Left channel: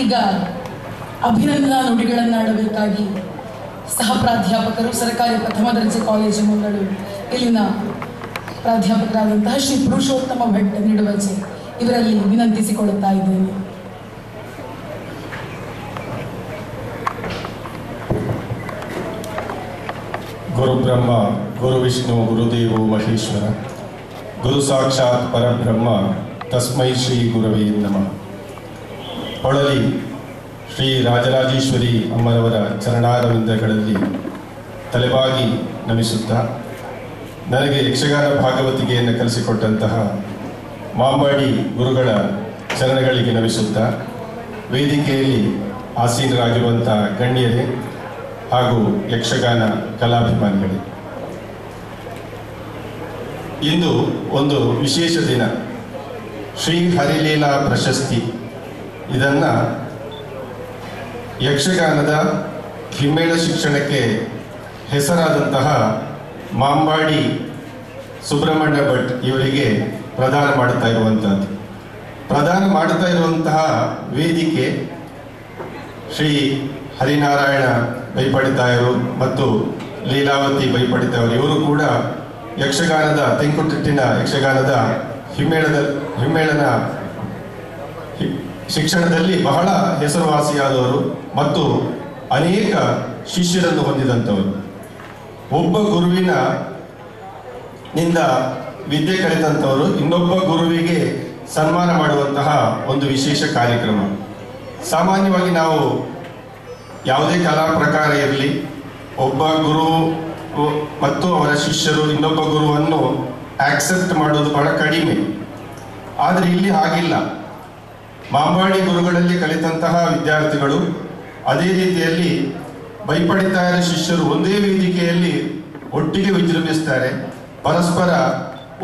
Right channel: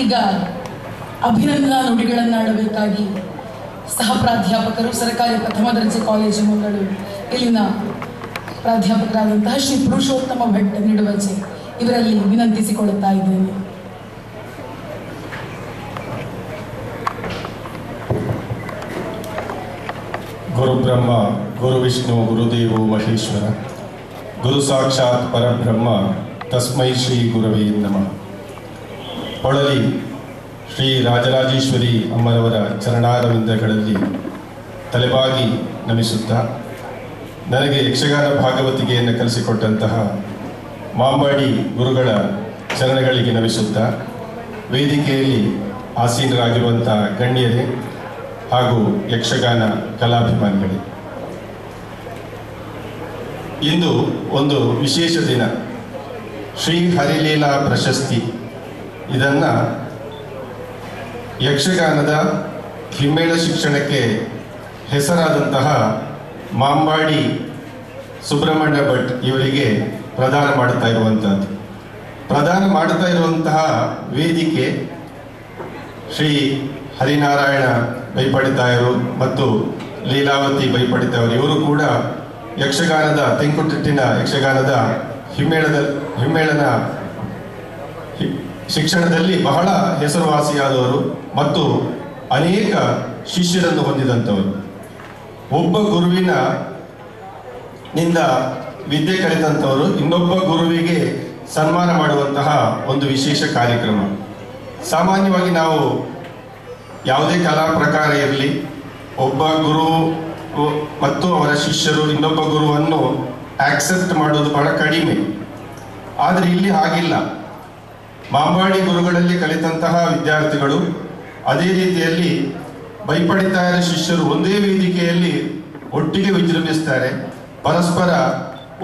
ಈಗ ಅಭಿನಂದನಾ ನುಡಿಗಳನ್ನಾಡಬೇಕಾಗಿ ಸಹ ಪ್ರಾಧ್ಯಾಪಕರು ಸರ್ಕಾರಿ ಪ್ರಥಮ ದರ್ಜೆ ಕಾಲೇಜು ಮಂಗಳೂರು ಇಲ್ಲಿನ ಪ್ರಾಧ್ಯಾಪಕರಾದಂತಹ ಶ್ರೀ ಪುರುಷೋತ್ತಮ ಭಟ್ ನಿಡುವಜೆ ಇವರಲ್ಲಿ ವಿನಂತಿಸಿಕೊಳ್ಳುತ್ತಾ ಇದ್ದೇನೆ. ಗುರು ಬ್ರಹ್ಮ ಗುರು ವಿಷ್ಣು ಗುರುದೇವೋ ಮಹೇಶ್ವರ ಗುರು ಸಾಕ್ಷಾತ್ ಪರಬ್ರಹ್ಮ ತಸ್ಮೈ ಶ್ರೀ ಗುರವೇ ನಮಃ. ಹೊಳಲಿ ಶ್ರೀ ರಾಜರಾಜೇಶ್ವರಿ ಅಮ್ಮನವರ ಚರಣಾರವಿಂದಗಳಲ್ಲಿ ತಲೆಬಾಗಿ ನಮಿಸುತ್ತಾ, ನನಗೆ ಯಕ್ಷಗಾನ ಭಾಗವತಿಕೆಯನ್ನು ಕಲಿಸಿಕೊಟ್ಟಂತಹ ಮಾಂಬಾಡಿ ಗುರುಗಳ ಚರಣಗಳಿಗೆ ನಮಿಸುತ್ತಾ, ವೇದಿಕೆಯಲ್ಲಿ ಆಸೀನರಾಗಿರುವಂತಹ ಗಣ್ಯರೇ ಹಾಗೂ ಯಕ್ಷಗಾನ ಕಲಾಭಿಮಾನಿಗಳೇ, ಇಂದು ಒಂದು ವಿಶೇಷ ದಿನ. ಶ್ರೀ ಹರಿಲೀಲಾ ಪ್ರಶಸ್ತಿ, ಇದನ್ನು ಯಕ್ಷಗಾನದ ಹಿಮ್ಮೇಳ ಶಿಕ್ಷಣಕ್ಕೆ ಹೆಸರಾದಂತಹ ಮಾಂಬಾಡಿ ಸುಬ್ರಹ್ಮಣ್ಯ ಭಟ್ ಇವರಿಗೆ ಪ್ರದಾನ ಮಾಡುತ್ತಾ ಇರುವಂತಹ ವೇದಿಕೆ ಶ್ರೀ ಹರಿನಾರಾಯಣ ಬೈಪಡಿತಾಯರು ಮತ್ತು ಲೀಲಾವತಿ ಬೈಪಡಿತಾಯರು. ಇವರು ಕೂಡ ಯಕ್ಷಗಾನದ ತೆಂಕುತಿಟ್ಟಿನ ಯಕ್ಷಗಾನದ ಹಿಮ್ಮೇಳನ ಶಿಕ್ಷಣದಲ್ಲಿ ಬಹಳ ಹೆಸರುವಾಸಿಯಾದವರು ಮತ್ತು ಅನೇಕ ಶಿಷ್ಯರನ್ನು ಹೊಂದಿದಂಥವರು. ಒಬ್ಬ ಗುರುವಿನಿಂದ ವಿದ್ಯೆ ಕಲಿತಂಥವರು ಇನ್ನೊಬ್ಬ ಗುರುವಿಗೆ ಸನ್ಮಾನ ಮಾಡುವಂತಹ ಒಂದು ವಿಶೇಷ ಕಾರ್ಯಕ್ರಮ. ಸಾಮಾನ್ಯವಾಗಿ ನಾವು ಯಾವುದೇ ಕಲಾ ಪ್ರಕಾರ ಇರಲಿ, ಒಬ್ಬ ಗುರು ಮತ್ತು ಅವರ ಶಿಷ್ಯರು ಇನ್ನೊಬ್ಬ ಗುರುವನ್ನು ಆಕ್ಸೆಪ್ಟ್ ಮಾಡೋದು ಬಹಳ ಕಡಿಮೆ. ಆದರೆ ಇಲ್ಲಿ ಹಾಗಿಲ್ಲ. ಮಾಂಬಾಡಿ ಗುರುಗಳಲ್ಲಿ ಕಲಿತಂತಹ ವಿದ್ಯಾರ್ಥಿಗಳು ಅದೇ ರೀತಿಯಲ್ಲಿ ಬೈಪಡಿತಾಯರ ಶಿಷ್ಯರು ಒಂದೇ ವೇದಿಕೆಯಲ್ಲಿ ಒಟ್ಟಿಗೆ ವಿಜೃಂಭಿಸ್ತಾರೆ. ಪರಸ್ಪರ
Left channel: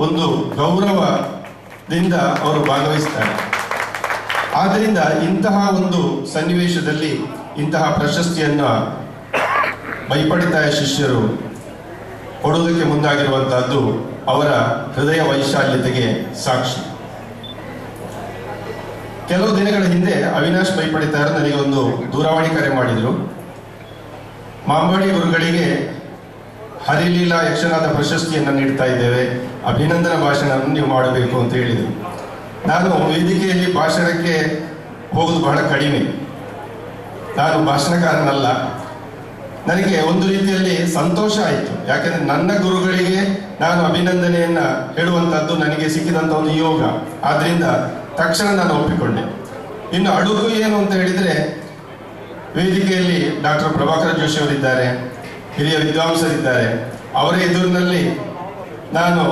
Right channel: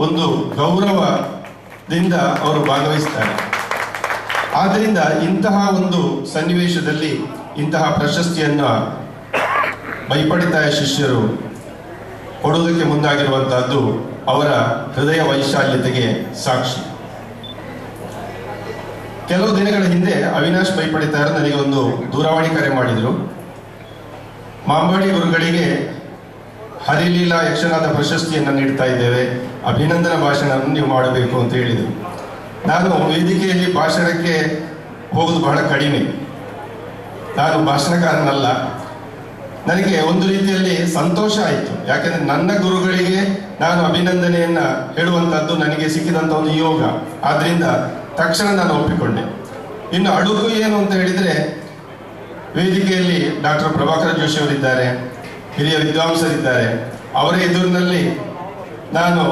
ಒಂದು ಗೌರವದಿಂದ ಅವರು ಭಾಗವಹಿಸ್ತಾರೆ. ಆದ್ದರಿಂದ ಇಂತಹ ಒಂದು ಸನ್ನಿವೇಶದಲ್ಲಿ ಇಂತಹ ಪ್ರಶಸ್ತಿಯನ್ನು ಬೈಪಡಿತಾಯ ಶಿಷ್ಯರು ಕೊಡುವುದಕ್ಕೆ ಮುಂದಾಗಿರುವಂತಹದ್ದು ಅವರ ಹೃದಯ ವೈಶಾಲ್ಯತೆಗೆ ಸಾಕ್ಷಿ. ಕೆಲವು ದಿನಗಳ ಹಿಂದೆ ಅವಿನಾಶ್ ಬೈಪಡಿತಾಯರು ನನಗೆ ಒಂದು ದೂರವಾಣಿ ಕರೆ ಮಾಡಿದರು. ಮಾಂಬಾಡಿ ಗುರುಗಳಿಗೆ ಹರಿಲೀಲಾ ಯಕ್ಷಗಾನ ಪ್ರಶಸ್ತಿಯನ್ನು ನೀಡ್ತಾ ಇದ್ದೇವೆ, ಅಭಿನಂದನಾ ಭಾಷಣವನ್ನು ನೀವು ಮಾಡಬೇಕು ಅಂತ ಹೇಳಿದರು. ನಾನು ವೇದಿಕೆಯಲ್ಲಿ ಭಾಷಣಕ್ಕೆ ಹೋಗುವುದು ಬಹಳ ಕಡಿಮೆ, ನಾನು ಭಾಷಣಕಾರನಲ್ಲ. ನನಗೆ ಒಂದು ರೀತಿಯಲ್ಲಿ ಸಂತೋಷ ಆಯಿತು. ಯಾಕೆಂದ್ರೆ ನನ್ನ ಗುರುಗಳಿಗೆ ನಾನು ಅಭಿನಂದನೆಯನ್ನ ಹೇಳುವಂತಹದ್ದು ನನಗೆ ಸಿಕ್ಕಿದಂತ ಒಂದು ಯೋಗ. ಆದ್ರಿಂದ ತಕ್ಷಣ ನಾನು ಒಪ್ಪಿಕೊಂಡೆ. ಇನ್ನು ಅಡುಗು ಏನು ಅಂತ ಹೇಳಿದ್ರೆ, ವೇದಿಕೆಯಲ್ಲಿ ಡಾಕ್ಟರ್ ಪ್ರಭಾಕರ ಜೋಶಿ ಅವರಿದ್ದಾರೆ, ಹಿರಿಯ ವಿದ್ವಾಂಸರಿದ್ದಾರೆ. ಅವರ ಎದುರಿನಲ್ಲಿ ನಾನು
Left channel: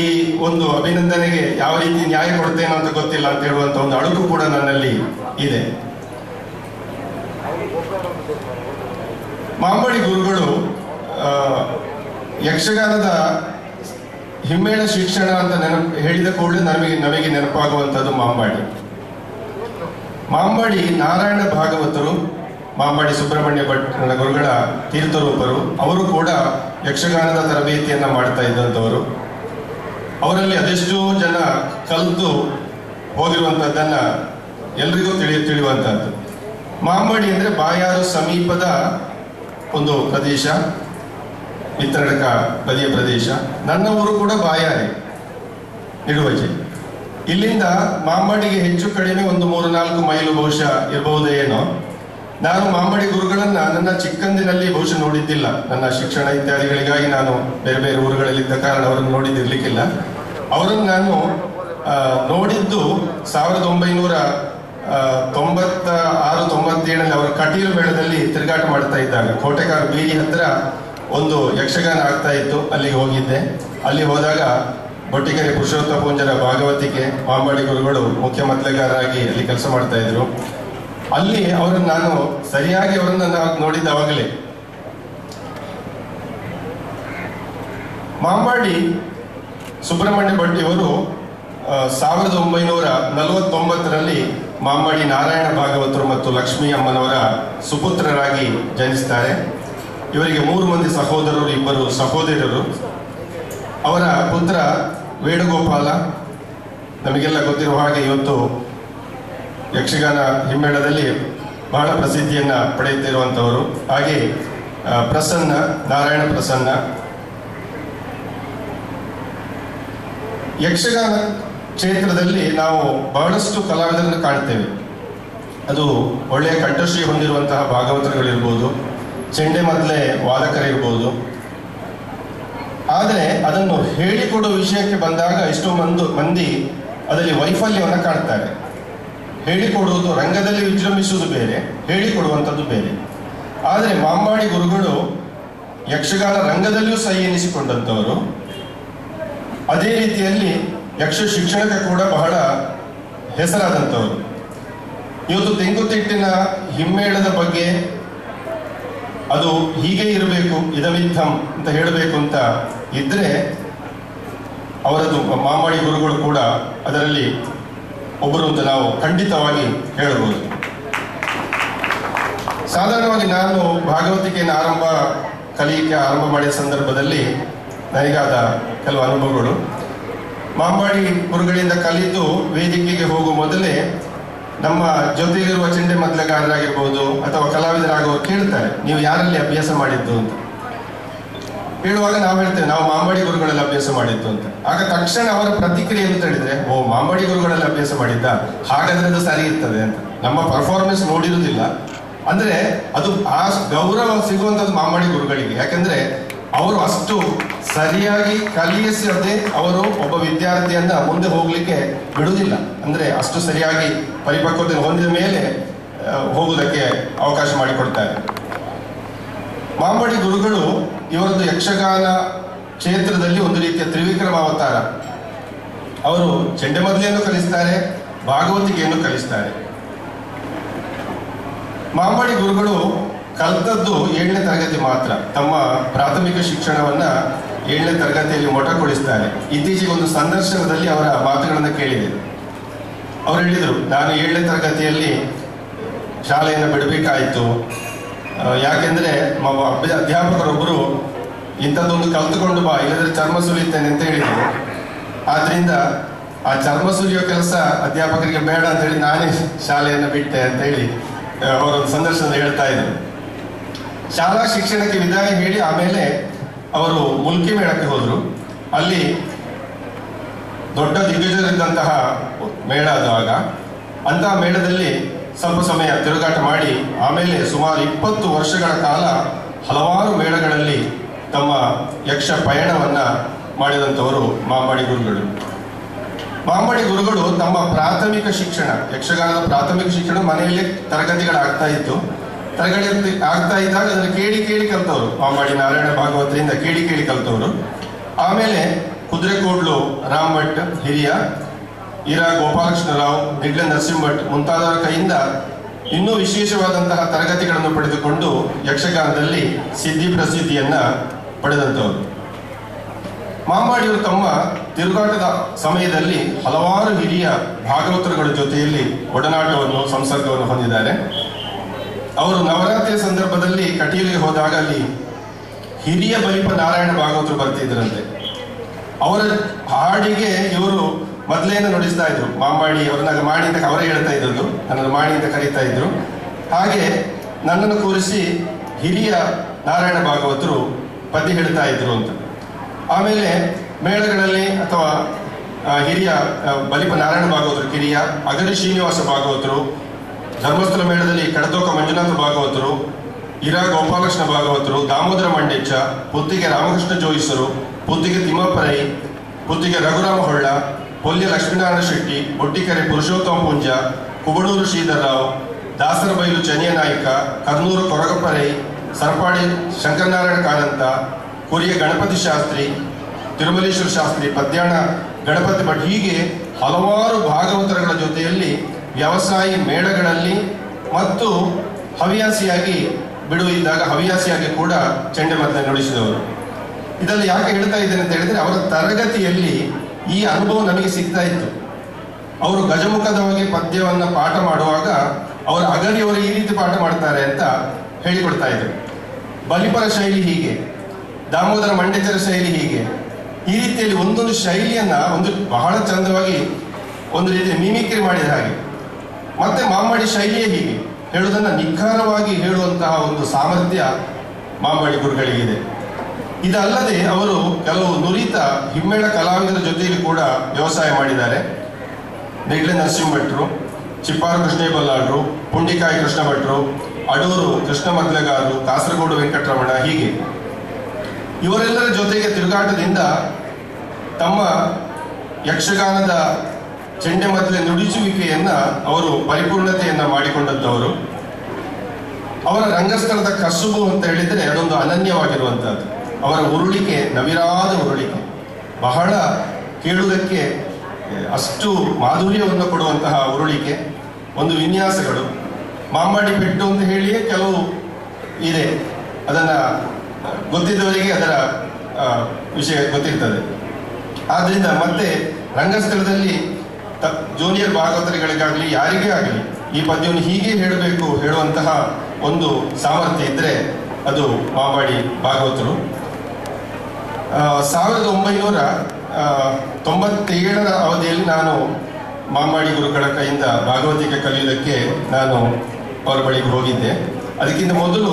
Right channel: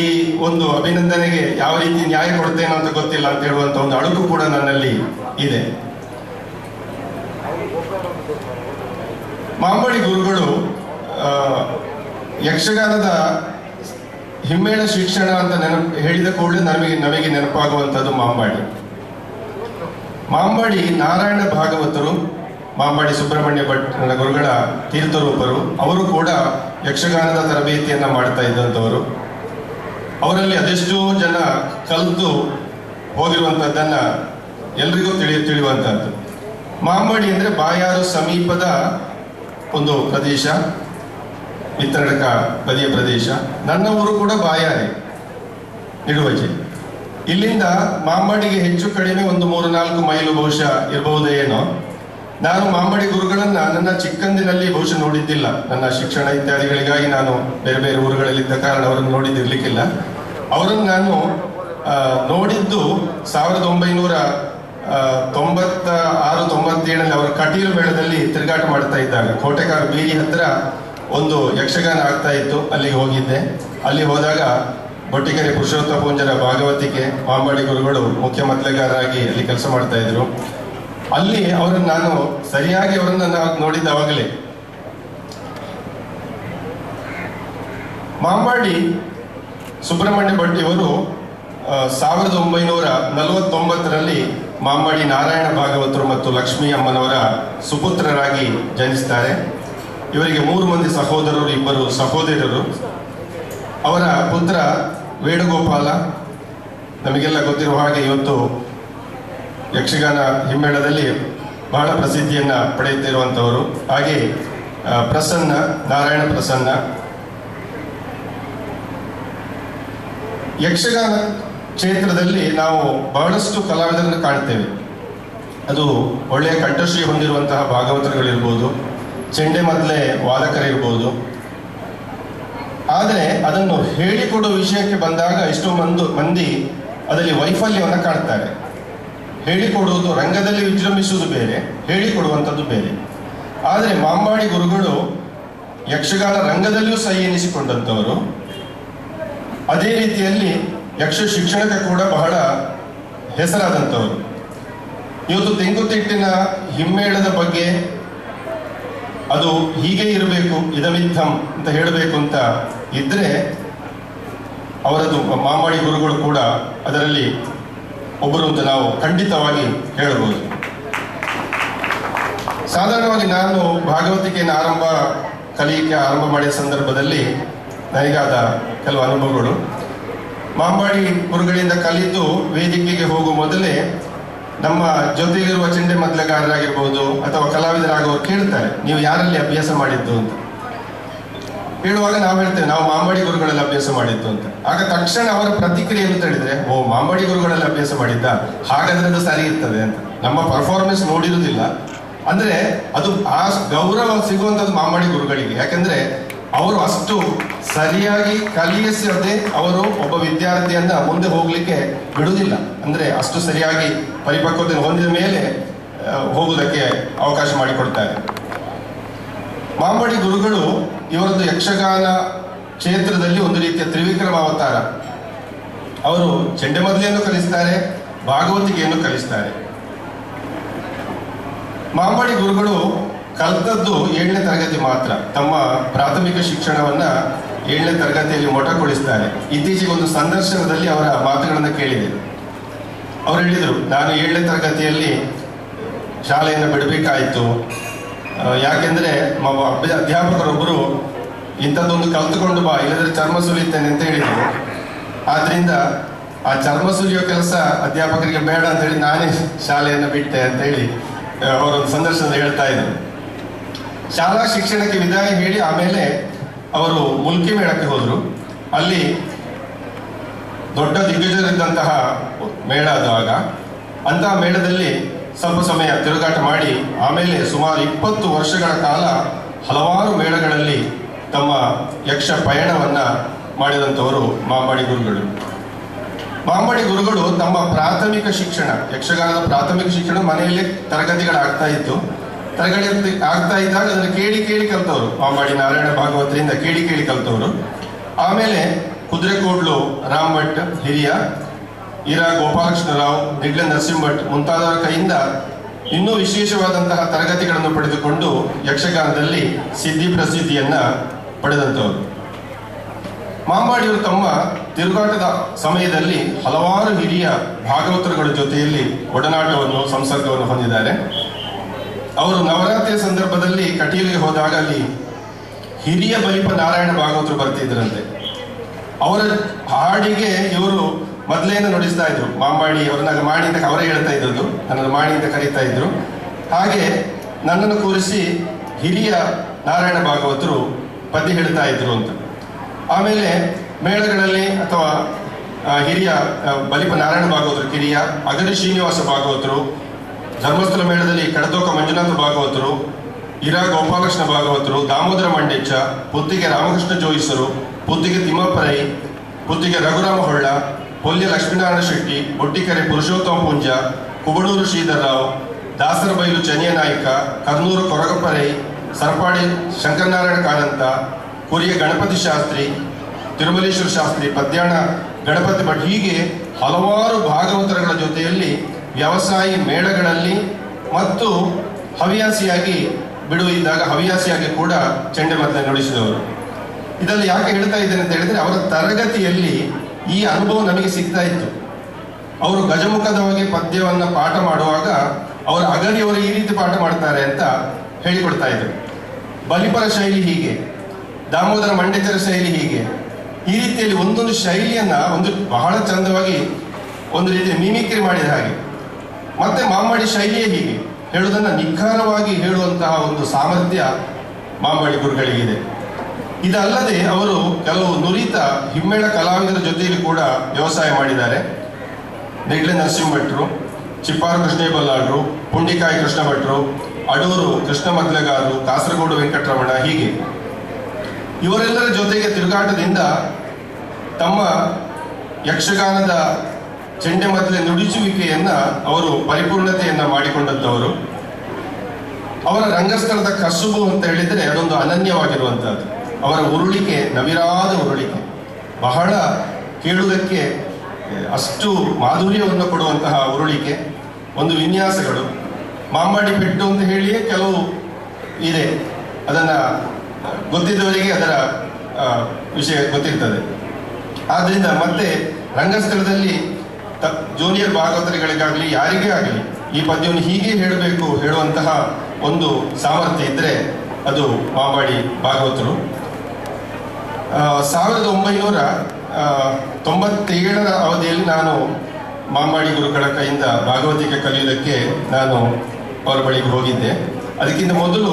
ಈ ಒಂದು ಅಭಿನಂದನೆಗೆ ಯಾವ ರೀತಿ ನ್ಯಾಯ ಕೊಡ್ತೇನೋ ಅಂತ ಗೊತ್ತಿಲ್ಲ ಅಂತ ಹೇಳುವಂತ ಒಂದು ಅಡುಗು ಕೂಡ ನನ್ನಲ್ಲಿ ಇದೆ. ಮಾಂಬಾಡಿ ಗುರುಗಳು ಯಕ್ಷಗಾನದ ಹಿಮ್ಮೇಳ ಶಿಕ್ಷಣ ಅಂತ ಹೇಳಿದ ಕೂಡಲೇ ನಮಗೆ ನೆನಪಾಗುವಂಥದ್ದು ಮಾಂಬಾಡಿ ನಾರಾಯಣ ಭಾಗವತರು, ಮಾಂಬಾಡಿ ಸುಬ್ರಹ್ಮಣ್ಯ ಭಟ್ ಗುರುಗಳ ತೀರ್ಥರೂಪರು. ಅವರು ಕೂಡ ಯಕ್ಷಗಾನದ ತರಬೇತಿಯನ್ನ ಮಾಡ್ತಾ ಇದ್ದಂಥವರು. ಅವರಲ್ಲಿ ಅದೆಷ್ಟೋ ಜನ ಕಲಿತು ಹೋಗಿರುವಂತಹದ್ದನ್ನ ಎಲ್ರಿಗೂ ತಿಳಿಯುವಂತಹದ್ದು. ಮಾಂಬಾಡಿ ಅಂದ್ರೆ ಬಾಯಾರು ಸಮೀಪದ ಒಂದು ಪ್ರದೇಶ, ವಿತರಣಕ ಬದಿಯ ಪ್ರದೇಶ. ನನ್ನ ಊರು ಕೂಡ ಬಾಯಾರೆ, ನಿಡುವಜೆ. ಇಲ್ಲಿಂದ ಮಾಂಬಾಡಿಗೆ ಹೆಚ್ಚು ಕಡಿಮೆ ಒಂದು 3-4 ಮೈಲು ಬಹುಶಃ ಇರಬಹುದೇನೋ. ನಾನು ಮಾಂಬಾಡಿ ಗುರುಗಳನ್ನ ನನ್ನ ಚಿಕ್ಕಂದಿನಲ್ಲಿ ಬಹುಶಃ ನೋಡಿದ್ದಿಲ್ಲ. ನನ್ನ ಶಿಕ್ಷಣ ಇತ್ಯಾದಿಗಳಿಗಾಗಿ ನಾನು ಬೇರೆ ಬೇರೆ ಊರುಗಳಲ್ಲಿದ್ದ ಕಾರಣ ಅವರನ್ನು ನೋಡಿದಿರ್ಲಿಕ್ಕಿಲ್ಲ. ಅವರನ್ನು ನಾನು ನೋಡಿದ್ದು 1996-97 ಅವರ ಕಟೀಲು ಮೇಳದಲ್ಲಿ ತಿರುಗಾಟ ಮಾಡ್ತಾ ಇದ್ದಾಗ ಕೋಟೆಕಾರ ಬೀರಿ ಹತ್ರ ಒಂದು ಯಕ್ಷಗಾನ ಆಗ್ತಾ ಇತ್ತು. ಅಲ್ಲಿಗೆ ಹೋಗಿದ್ದೆ. ಅಲ್ಲಿ ಹೋದಾಗ ಬೊಟ್ಟಿಗೆರೆ ಪುರುಷೋತ್ತಮ ಪೂಂಜರ ಭಾಗವತಿಕೆ ಮಾಂಬಾಡಿ ಗುರುಗಳು ಮುಖ್ಯ ಮದ್ಲೆಗಾರರಾಗಿ ಅಲ್ಲಿ ಕೆಲಸ ಮಾಡ್ತಾ ಇದ್ರು. ಅಲ್ಲಿ ಅವರನ್ನು ನಾನು ಸರಿಯಾಗಿ ನೋಡಿದ್ದಾವಾಗಲೇ ಮಾಂಬಾಡಿ ಸುಬ್ರಹ್ಮಣ್ಯ ಭಟ್ ಇವರು 1949ರಲ್ಲಿ ಮಾಂಬಾಡಿ ನಾರಾಯಣ ಭಾಗವತರು ಮತ್ತು ಲಕ್ಷ್ಮೀ ಅಮ್ಮನವರ ಸುಪುತ್ರರಾಗಿ ಜನಿಸ್ತಾರೆ. ಇವರಿಗೆ 3 ಮಂದಿ ಸಹೋದರರು, 2 ಸಹೋದರರು. ಅವರ ಪುತ್ರ ವೇಣುಗೋಪಾಲ, ನಮಗೆಲ್ಲ ಗೊತ್ತಿರುವ ಹಾಗೆ ಇವತ್ತು ಯಕ್ಷಗಾನ ಹಿಮ್ಮೇಳದಲ್ಲಿ ಬಹಳ ಪ್ರಸಿದ್ಧಿಯನ್ನು ಪಡೆಯುತ್ತಿರುವಂಥವರು. ಹಾಗೆ ಪ್ರಸನ್ನ, ನಾರಾಯಣ ಪ್ರಸನ್ನ. ಯಕ್ಷಗಾನ ಕ್ಷೇತ್ರದಲ್ಲಿ ನಾವು ಬಹಳಷ್ಟು ಕಲಾವಿದರನ್ನು ಕಾಣ್ತೇವೆ. ಅದು ಒಳ್ಳೆಯ ಕಂಠಶ್ರೀ ಹೊಂದಿರುವಂತಹ ಭಾಗವತರುಗಳಿರ್ಬೋದು, ಚೆಂಡೆ ಮದ್ದಲೆ ವಾದಕರಿರ್ಬೋದು. ಆದರೆ ಅದನ್ನು ಹೇಳಿಕೊಡುವ ವಿಷಯಕ್ಕೆ ಬಂದಾಗ ಎಷ್ಟೋ ಮಂದಿ ಅದರಲ್ಲಿ ವೈಫಲ್ಯವನ್ನು ಕಾಣ್ತಾರೆ. ಹೇಳಿಕೊಡುವುದು, ರಂಗದಲ್ಲಿ ವಿಜೃಂಭಿಸುವುದು ಬೇರೆ, ಹೇಳಿಕೊಡುವಂಥದ್ದು ಬೇರೆ. ಆದರೆ ಮಾಂಬಾಡಿ ಗುರುಗಳು ಯಕ್ಷಗಾನ ರಂಗದಲ್ಲಿಯೂ ಸೈ ಎನಿಸಿಕೊಂಡಂಥವರು. ಅದೇ ರೀತಿಯಲ್ಲಿ ಯಕ್ಷ ಶಿಕ್ಷಣಕ್ಕೆ ಕೂಡ ಬಹಳ ಹೆಸರಾದಂಥವರು. ಇವತ್ತು ತೆಂಕುತಿಟ್ಟಿನ ಹಿಮ್ಮೇಳದ ಬಗ್ಗೆ ಅದು ಹೀಗೆ ಇರಬೇಕು, ಇದಮಿತ್ತಂ ಅಂತ ಹೇಳಬೇಕು ಅಂತ ಇದ್ರೆ ಅವರದು ಮಾಂಬಾಡಿ ಗುರುಗಳು ಕೂಡ ಅದರಲ್ಲಿ ಒಬ್ಬರು ಅಂತ ನಾವು ಖಂಡಿತವಾಗಿ ಹೇಳಬಹುದು. ಸಾಧಾರಣವಾಗಿ ನಾನು ಭಾಗವತಿಕೆಯನ್ನು ಕಲಿಯಕ್ಕೆ ಆರಂಭ ಮಾಡಿದ ಸಂದರ್ಭದಲ್ಲಿ ನನಗಾದ ಕೆಲವು ಅನುಭವಗಳು. ಮಾಂಬಾಡಿ ಗುರುಗಳಿಂದ ಕಲಿತು ವೇದಿಕೆಗೆ ಹೋಗುವ ಮೊದಲೇ ನಮ್ಮ ಜೊತೆಗಿರುವ ಚೆಂಡೆ ಮದ್ದಲೆಗಾರರಾಗಿರ್ಬೋದು ಅಥವಾ ಕಲಾವಿದರಾಗುವವರು ಕೇಳ್ತಾರೆ, ನೀವು ಯಾರಲ್ಲಿ ಅಭ್ಯಾಸ ಮಾಡಿದ್ದು ಅಂತ. ಹೇಳುವಾಗ ನಾವು ಹೇಳ್ತೇವೆ, ನಾವು ಮಾಂಬಾಡಿ ಗುರುಗಳಲ್ಲಿ ಅಭ್ಯಾಸ ಮಾಡಿದ್ದು ಅಂತ. ಆಗ ತಕ್ಷಣ ಅವರ ಪ್ರತಿಕ್ರಿಯೆ ಅಂತ ಹೇಳಿದ್ರೆ, ಓ ಮಾಂಬಾಡಿ ಗುರುಗಳಲ್ಲಿ ಅಭ್ಯಾಸ ಮಾಡಿದ್ದ, ಹಾಗಾದ್ರೆ ಅದು ಸರಿ ಇರ್ತದೆ ಅಂತ. ನಮ್ಮ ಪರ್ಫಾರ್ಮೆನ್ಸ್ ನೋಡಿರುವುದಿಲ್ಲ. ಅಂದ್ರೆ ಅದು ಆ ಗೌರವ ಸಿಗುವಂಥದ್ದು ಮಾಂಬಾಡಿ ಗುರುಗಳಿಗೆ. ಯಾಕಂದ್ರೆ ಅವರು ಅಷ್ಟು ಸರಿಯಾಗಿ ಕಲಿಸದೆ ಅವರು ಒಬ್ಬ ವಿದ್ಯಾರ್ಥಿಯನ್ನ ಮುಂದೆ ಹೋಗ್ಲಿಕ್ಕೆ ಬಿಡುವುದಿಲ್ಲ. ಅಂದ್ರೆ ಅಷ್ಟು ಸರಿಯಾಗಿ ಪರಿಪಕ್ವತೆ ಹೊಂದಿದ ಮೇಲೆ ಹೋಗುವುದಕ್ಕೆ ಅವಕಾಶ ಮಾಡಿಕೊಡ್ತಾರೆ. ಮಾಂಬಾಡಿ ಗುರುಗಳು ಇವರದ್ದು ಯಕ್ಷಗಾನ ಕ್ಷೇತ್ರದಲ್ಲಿ ಒಂದು ರೀತಿಯ ತ್ರಿವಿಕ್ರಮ ಅವತಾರ. ಅವರು ಚೆಂಡೆ ಮದ್ದಲೆಯನ್ನು ಕಲಿಸ್ತಾರೆ, ಭಾಗವತಿಕೆಯನ್ನು ಕಲಿಸ್ತಾರೆ. ಮಾಂಬಾಡಿ ಗುರುಗಳು ಕಲಿತದ್ದು 7ನೇ ತರಗತಿ ಮಾತ್ರ. ತಮ್ಮ ಪ್ರಾಥಮಿಕ ಶಿಕ್ಷಣವನ್ನ 7ನೇ ತರಗತಿಯಲ್ಲಿ ಮೊಟಕುಗೊಳಿಸ್ತಾರೆ. ಇತ್ತೀಚೆಗೆ ಒಂದು ಸಂದರ್ಶನದಲ್ಲಿ ಅವರ ಮಾತುಗಳನ್ನು ಕೇಳಿದೆ. ಅವರು ಹೇಳಿದರು, ನಾನು 7ನೇ ತರಗತಿಯಲ್ಲಿ ಶಾಲೆಯನ್ನು ಬಿಡಬೇಕಾಯಿತು. ಯಾಕೆಂದ್ರೆ ಅಧ್ಯಾಪಕರೊಬ್ಬರು ಇಂಥದ್ದೊಂದು ಕಲ್ತುಕೊಂಡು ಬಾ, ಇಲ್ಲದ್ರೆ ಚರ್ಮ ಸುಲಿತೇನೆ ಅಂತ ಹೇಳಿದರು. ಆದ್ರಿಂದ ಆ ಚರ್ಮ ಸುಲಿಯೋ ಕೆಲಸ ಅಧ್ಯಾಪಕರಿಗೆ ಬೇಡ ಅಂತ ಹೇಳಿ ನಾನೇ ಶಾಲೆಯನ್ನು ಬಿಟ್ಟೆ ಅಂತ ಹೇಳಿ ಅವರೊಂದು ಸಂದರ್ಶನ ಹೇಳ್ತಾ ಇದ್ರು. ಶಾಲಾ ಶಿಕ್ಷಣಕ್ಕೆ ವಿದಾಯ ಹೇಳಿ ಆಮೇಲೆ ಅವರು ಮುಲ್ಕಿ ಮೇಳಕ್ಕೆ ಹೋದ್ರು. ಅಲ್ಲಿ ದೊಡ್ಡ ದಿಗ್ಗಜರಿದ್ದಂತಹ ಮೇಳ ಆದಾಗ ಅಂತಹ ಮೇಳದಲ್ಲಿ ಸ್ವಲ್ಪ ಸಮಯ ತಿರುಗಾಟ ಮಾಡಿ ಆಮೇಲೆ ಸುಮಾರು 20 ವರ್ಷಗಳ ಕಾಲ ಹಲವಾರು ಮೇಳಗಳಲ್ಲಿ ತಮ್ಮ ಯಕ್ಷ ಪಯಣವನ್ನ ಮಾಡಿದಂಥವರು ಮಾಂಬಾಡಿ ಗುರುಗಳು. ಮಾಂಬಾಡಿ ಗುರುಗಳು ತಮ್ಮ ಪ್ರಾಥಮಿಕ ಶಿಕ್ಷಣ, ಯಕ್ಷಗಾನದ ಪ್ರಾಥಮಿಕ ಶಿಕ್ಷಣ ಮನೆಯಲ್ಲೇ ತರಗತಿಗಳಾಗ್ತಾ ಇತ್ತು. ತರಗತಿ ಆಗ್ತಾ ಇದ್ದಾಗ ಅದನ್ನು ಕೇಳಿ ಕಲ್ತವರು. ಮಾಂಬಾಡಿ ನಾರಾಯಣ ಭಾಗವತರಿಂದ ಕೇಳಿ ಕಲ್ತವರು. ಆಮೇಲೆ ಕುದುರೆಕೋಡ್ಲು ರಾಮ್ ಭಟ್ ಹಿರಿಯ, ಇರಾ ಗೋಪಾಲಕೃಷ್ಣರಾವ್, ನಿಡ್ಲೆ ನರಸಿಂಹ ಭಟ್ ಮುಂತಾದವರ ಕೈಯಿಂದ ಇನ್ನೂ ವಿಶೇಷವಾದಂತಹ ತರಗತಿಗಳನ್ನು ಪಡೆದುಕೊಂಡು ಯಕ್ಷಗಾನದಲ್ಲಿ ಸಿದ್ಧಿ ಪ್ರಸಿದ್ಧಿಯನ್ನ ಪಡೆದಂಥವರು. ಮಾಂಬಾಡಿಯವರು ತಮ್ಮ ತಿರುಗಾಟದ ಸಮಯದಲ್ಲಿ ಹಲವಾರು ಹಿರಿಯ ಭಾಗವತರುಗಳ ಜೊತೆಯಲ್ಲಿ ಒಡನಾಟವನ್ನು, ಸಂಸರ್ಗವನ್ನು ಹೊಂದಿದ್ದಾರೆ. ಅವರು ನವರಾತ್ರಿಯ ಸಂದರ್ಭದಲ್ಲಿ ಕಟೀಲಿಗೆ ಹೋದಾಗ ಅಲ್ಲಿ ಹಿರಿಯ ಬಲಿಪ ನಾರಾಯಣ ಭಾಗವತರು ಬರ್ತಿದ್ರಂತೆ. ಅವರ ಹಾಡಿಗೆ ಇವರು ಮೊದಲೇನ ನುಡಿಸ್ತಾ ಇದ್ರು. ಮಾಂಬಾಡಿ ಅವ್ರನ್ನ ಮಾಡಿ ಅಂತ ಅವರೇ ಹೇಳ್ತಾ ಇದ್ರು, ನನ್ನನ್ನು ಮಾಡಿ ಅಂತ ಕರೀತಾ ಇದ್ರು. ಹಾಗೆ ನನ್ನನ್ನು ಕೂರಿಸಿ ಹಿರಿಯ ನಾರಾಯಣ ಭಾಗವತರು ಪದ್ಯ ಹೇಳ್ತಾ ಇದ್ರು ಅಂತ. ಆಮೇಲೆ ಮೇಳಗಳಲ್ಲಿ ಅಥವಾ ಹಿರಿಯ ಬಲಿಪ ನಾರಾಯಣ ಭಾಗವತರು ಕಿರಿಯ, ಅಗರಿ ಶ್ರೀನಿವಾಸ ಭಾಗವತರು, ಧರ್ಮಸ್ಥಳ ಮೇಳದಲ್ಲಿ ಕಡತೋಕ ಮಂಜುನಾಥ ಭಾಗವತರು, ಇರಾ ಗೋಪಾಲಕೃಷ್ಣ ಭಾಗವತರು, ದಾಮೋದರ ಮಂಡೇಚ, ಪುತ್ತಿಗೆ ರಾಮಕೃಷ್ಣ ಜೋಯಿಸರು, ಪುತ್ತಿಗೆ ತಿಮ್ಮಪ್ಪರೈ, ಪುತ್ತಿಗೆ ರಘುರಾಮ ಹೊಳ್ಳ, ಪೊಲ್ಯ ಲಕ್ಷ್ಮೀನಾರಾಯಣ ಶೆಟ್ಟಿ, ಬೊಟ್ಟಿಕೆರೆ ಪುರುಷೋತ್ತಮ ಪುಂಜ, ಕುಬಡೂರು ಶ್ರೀಧರರಾವ್, ದಾಸರಬೈಲು ಚನಿಯ ನಾಯ್ಕ, ಕರ್ನೂರು ಕೊರಗಪ್ಪರೈ, ಸರ್ಪಾಡಿ ಶಂಕರನಾರಾಯಣ ಕಾರಂತ, ಕುರಿಯ ಗಣಪತಿ ಶಾಸ್ತ್ರಿ, ತಿರುಮಲೇಶ್ವರ ಶಾಸ್ತ್ರಿ, ಪದ್ಯಾಣ ಗಣಪತಿ ಭಟ್, ಹೀಗೆ ಹಲವಾರು ಭಾಗವತರುಗಳ ಜೊತೆಯಲ್ಲಿ ವ್ಯವಸಾಯಿ ಮೇಳಗಳಲ್ಲಿ ಮತ್ತು ಹವ್ಯಾಸಿಯಾಗಿ ಬಿಡುವಿದ್ದಾಗ ಹವ್ಯಾಸಿಯಾಗಿ ಕೂಡ ಚೆಂಡೆ ಮದ್ದಲೆ ನುಡಿಸಿದವರು. ಇದರಲ್ಲಿ ಯಾಕೆ ಹೇಳ್ತಾ ಇದ್ದೇನೆ ಅಂತ ಹೇಳಿದ್ರೆ, ಅವರ ತರಗತಿಯಲ್ಲಿ ಈ ಅನುಭವ ನನಗೆ ಸಿಗ್ತಾ ಇತ್ತು. ಅವರು ಗಜಮುಖದವಾಗಿ ಪದ್ಯವನ್ನ ಪಾಠ ಮಾಡುವಾಗ ಅವರ ಅಗರಿಯವರು ಈ ರೀತಿ ಪಾಠ ಮಾಡ್ತಾರೆ ಅಂತ ಹೇಳಿಕೊಡ್ತಾ ಇದ್ರು. ಬಲಿಪರ ಶೈಲಿ ಹೀಗೆ, ದಾಮೋದರ ಮಂಡೇಚರ ಶೈಲಿ ಹೀಗೆ, ಈ ರೀತಿಯಲ್ಲಿ ಒಂದೊಂದು ಶೈಲಿಯನ್ನ ಒಂದು ಬಹಳ ಚಂದವಾಗಿ ಒಂದು ರೀತಿಯ ಮಿಮಿಕ್ರಿ ಮಾಡಿದ ಹಾಗೆ ಮತ್ತೆ ಮಾಂಬಾಡಿ ಶೈಲಿಯೇ ಹೀಗೆ, ಹೇಳುವುದನ್ನು ನಿಖರವಾಗಿ ಹೇಳುವಂತಹ ಒಂದು ಸಾಮರ್ಥ್ಯ ಮಾಂಬಾಡಿ ಗುರುಗಳಿಗಿದೆ. ಇದಲ್ಲದೆ ಅವರು ಕೆಲವು ನುರಿತ ಹಿಮ್ಮೇಳ ಕಲಾವಿದರ ಜೊತೆಯಲ್ಲಿ ಕೂಡ ವ್ಯವಸಾಯ ಮಾಡಿದ್ದಾರೆ. ನೆಗ್ಲೆ ನರಸಿಂಹ ಭಟ್ರು, ಚಿಪ್ಪಾರು ಕೃಷ್ಣ ಬಲ್ಲಾಳರು, ಪುಂಡಿಕಾಯಿ ಕೃಷ್ಣ ಭಟ್ರು, ಅಡೂರು ಕೃಷ್ಣ ಮದ್ಲೆಗಾರರು, ಕಾಸರಗೋಡು ವೆಂಕಟರಮಣ, ಹೀಗೆ ಇವರೆಲ್ಲರ ಜೊತೆಗೆ ತಿರುಗಾಟದಿಂದ ತಮ್ಮ ಯಕ್ಷಗಾನದ ಚೆಂಡೆಮದ್ದಲೆ ನುಡಿಸುವಿಕೆಯನ್ನ ಅವರು ಪರಿಪೂರ್ಣತೆಯನ್ನ ಮಾಡಿಕೊಂಡಂತವರು. ಅವರ ರಂಗಸ್ಥಳದ ಕಸುಬು ಅಂತ ಹೇಳಿದ್ರೆ ಅದೊಂದು ಅನನ್ಯವಾಗಿರುವಂತಹದ್ದು. ಅವರ ಉರುಳಿಕೆ ನವಿರಾದ ಉರುಳಿಕೆ, ಬಹಳ ಕೇಳುವುದಕ್ಕೆ ಅಷ್ಟು ಮಾಧುರ್ಯವನ್ನು ಕೊಡುವಂತಹ ಉರುಳಿಕೆ, ಒಂದು ವಿನ್ಯಾಸಗಳು. ಮಾಂಬಾಡಿ ಪೆಟ್ಟು ಅಂತ ಹೇಳಿಯೇ ಕೆಲವು ಇದೆ, ಅದನ್ನ ಗೊತ್ತಿದ್ದವರಿಗೆ ಅದರ ವಿಷಯ ಗೊತ್ತಿರ್ತದೆ. ಆದ್ರಿಂದ ಮತ್ತೆ ರಂಗಸ್ಥಳದಲ್ಲಿ ಜೂನಿಯರ್ ಭಾಗವತರಿಗಳಿಗಾಗಲಿ ಯಾರಿಗೇ ಆಗಲಿ ಈ ಪದ್ಯವನ್ನು ಹೀಗೆ ಹೇಳಬೇಕು ಹೇಳುವಂತಹ ಒಂದು ಸಾಮರ್ಥ್ಯ ಇದ್ರೆ ಅದು ಮಾಂಬಾಡಿ ಭಾಗವತರು. 1997ರ ಅವಧಿಯಲ್ಲಿ ನಾನು ಮಾಂಬಾಡಿ ಗುರುಗಳ ಕೈಯಿಂದ ಭಾಗವತಿಕೆ ಕಲಿಯುವುದಕ್ಕೆ ನಾನು ಅವರ ಬಳಿಗೆ ಹೋಗಿದ್ದೆ. ಅದಕ್ಕಿಂತ ಮೊದಲು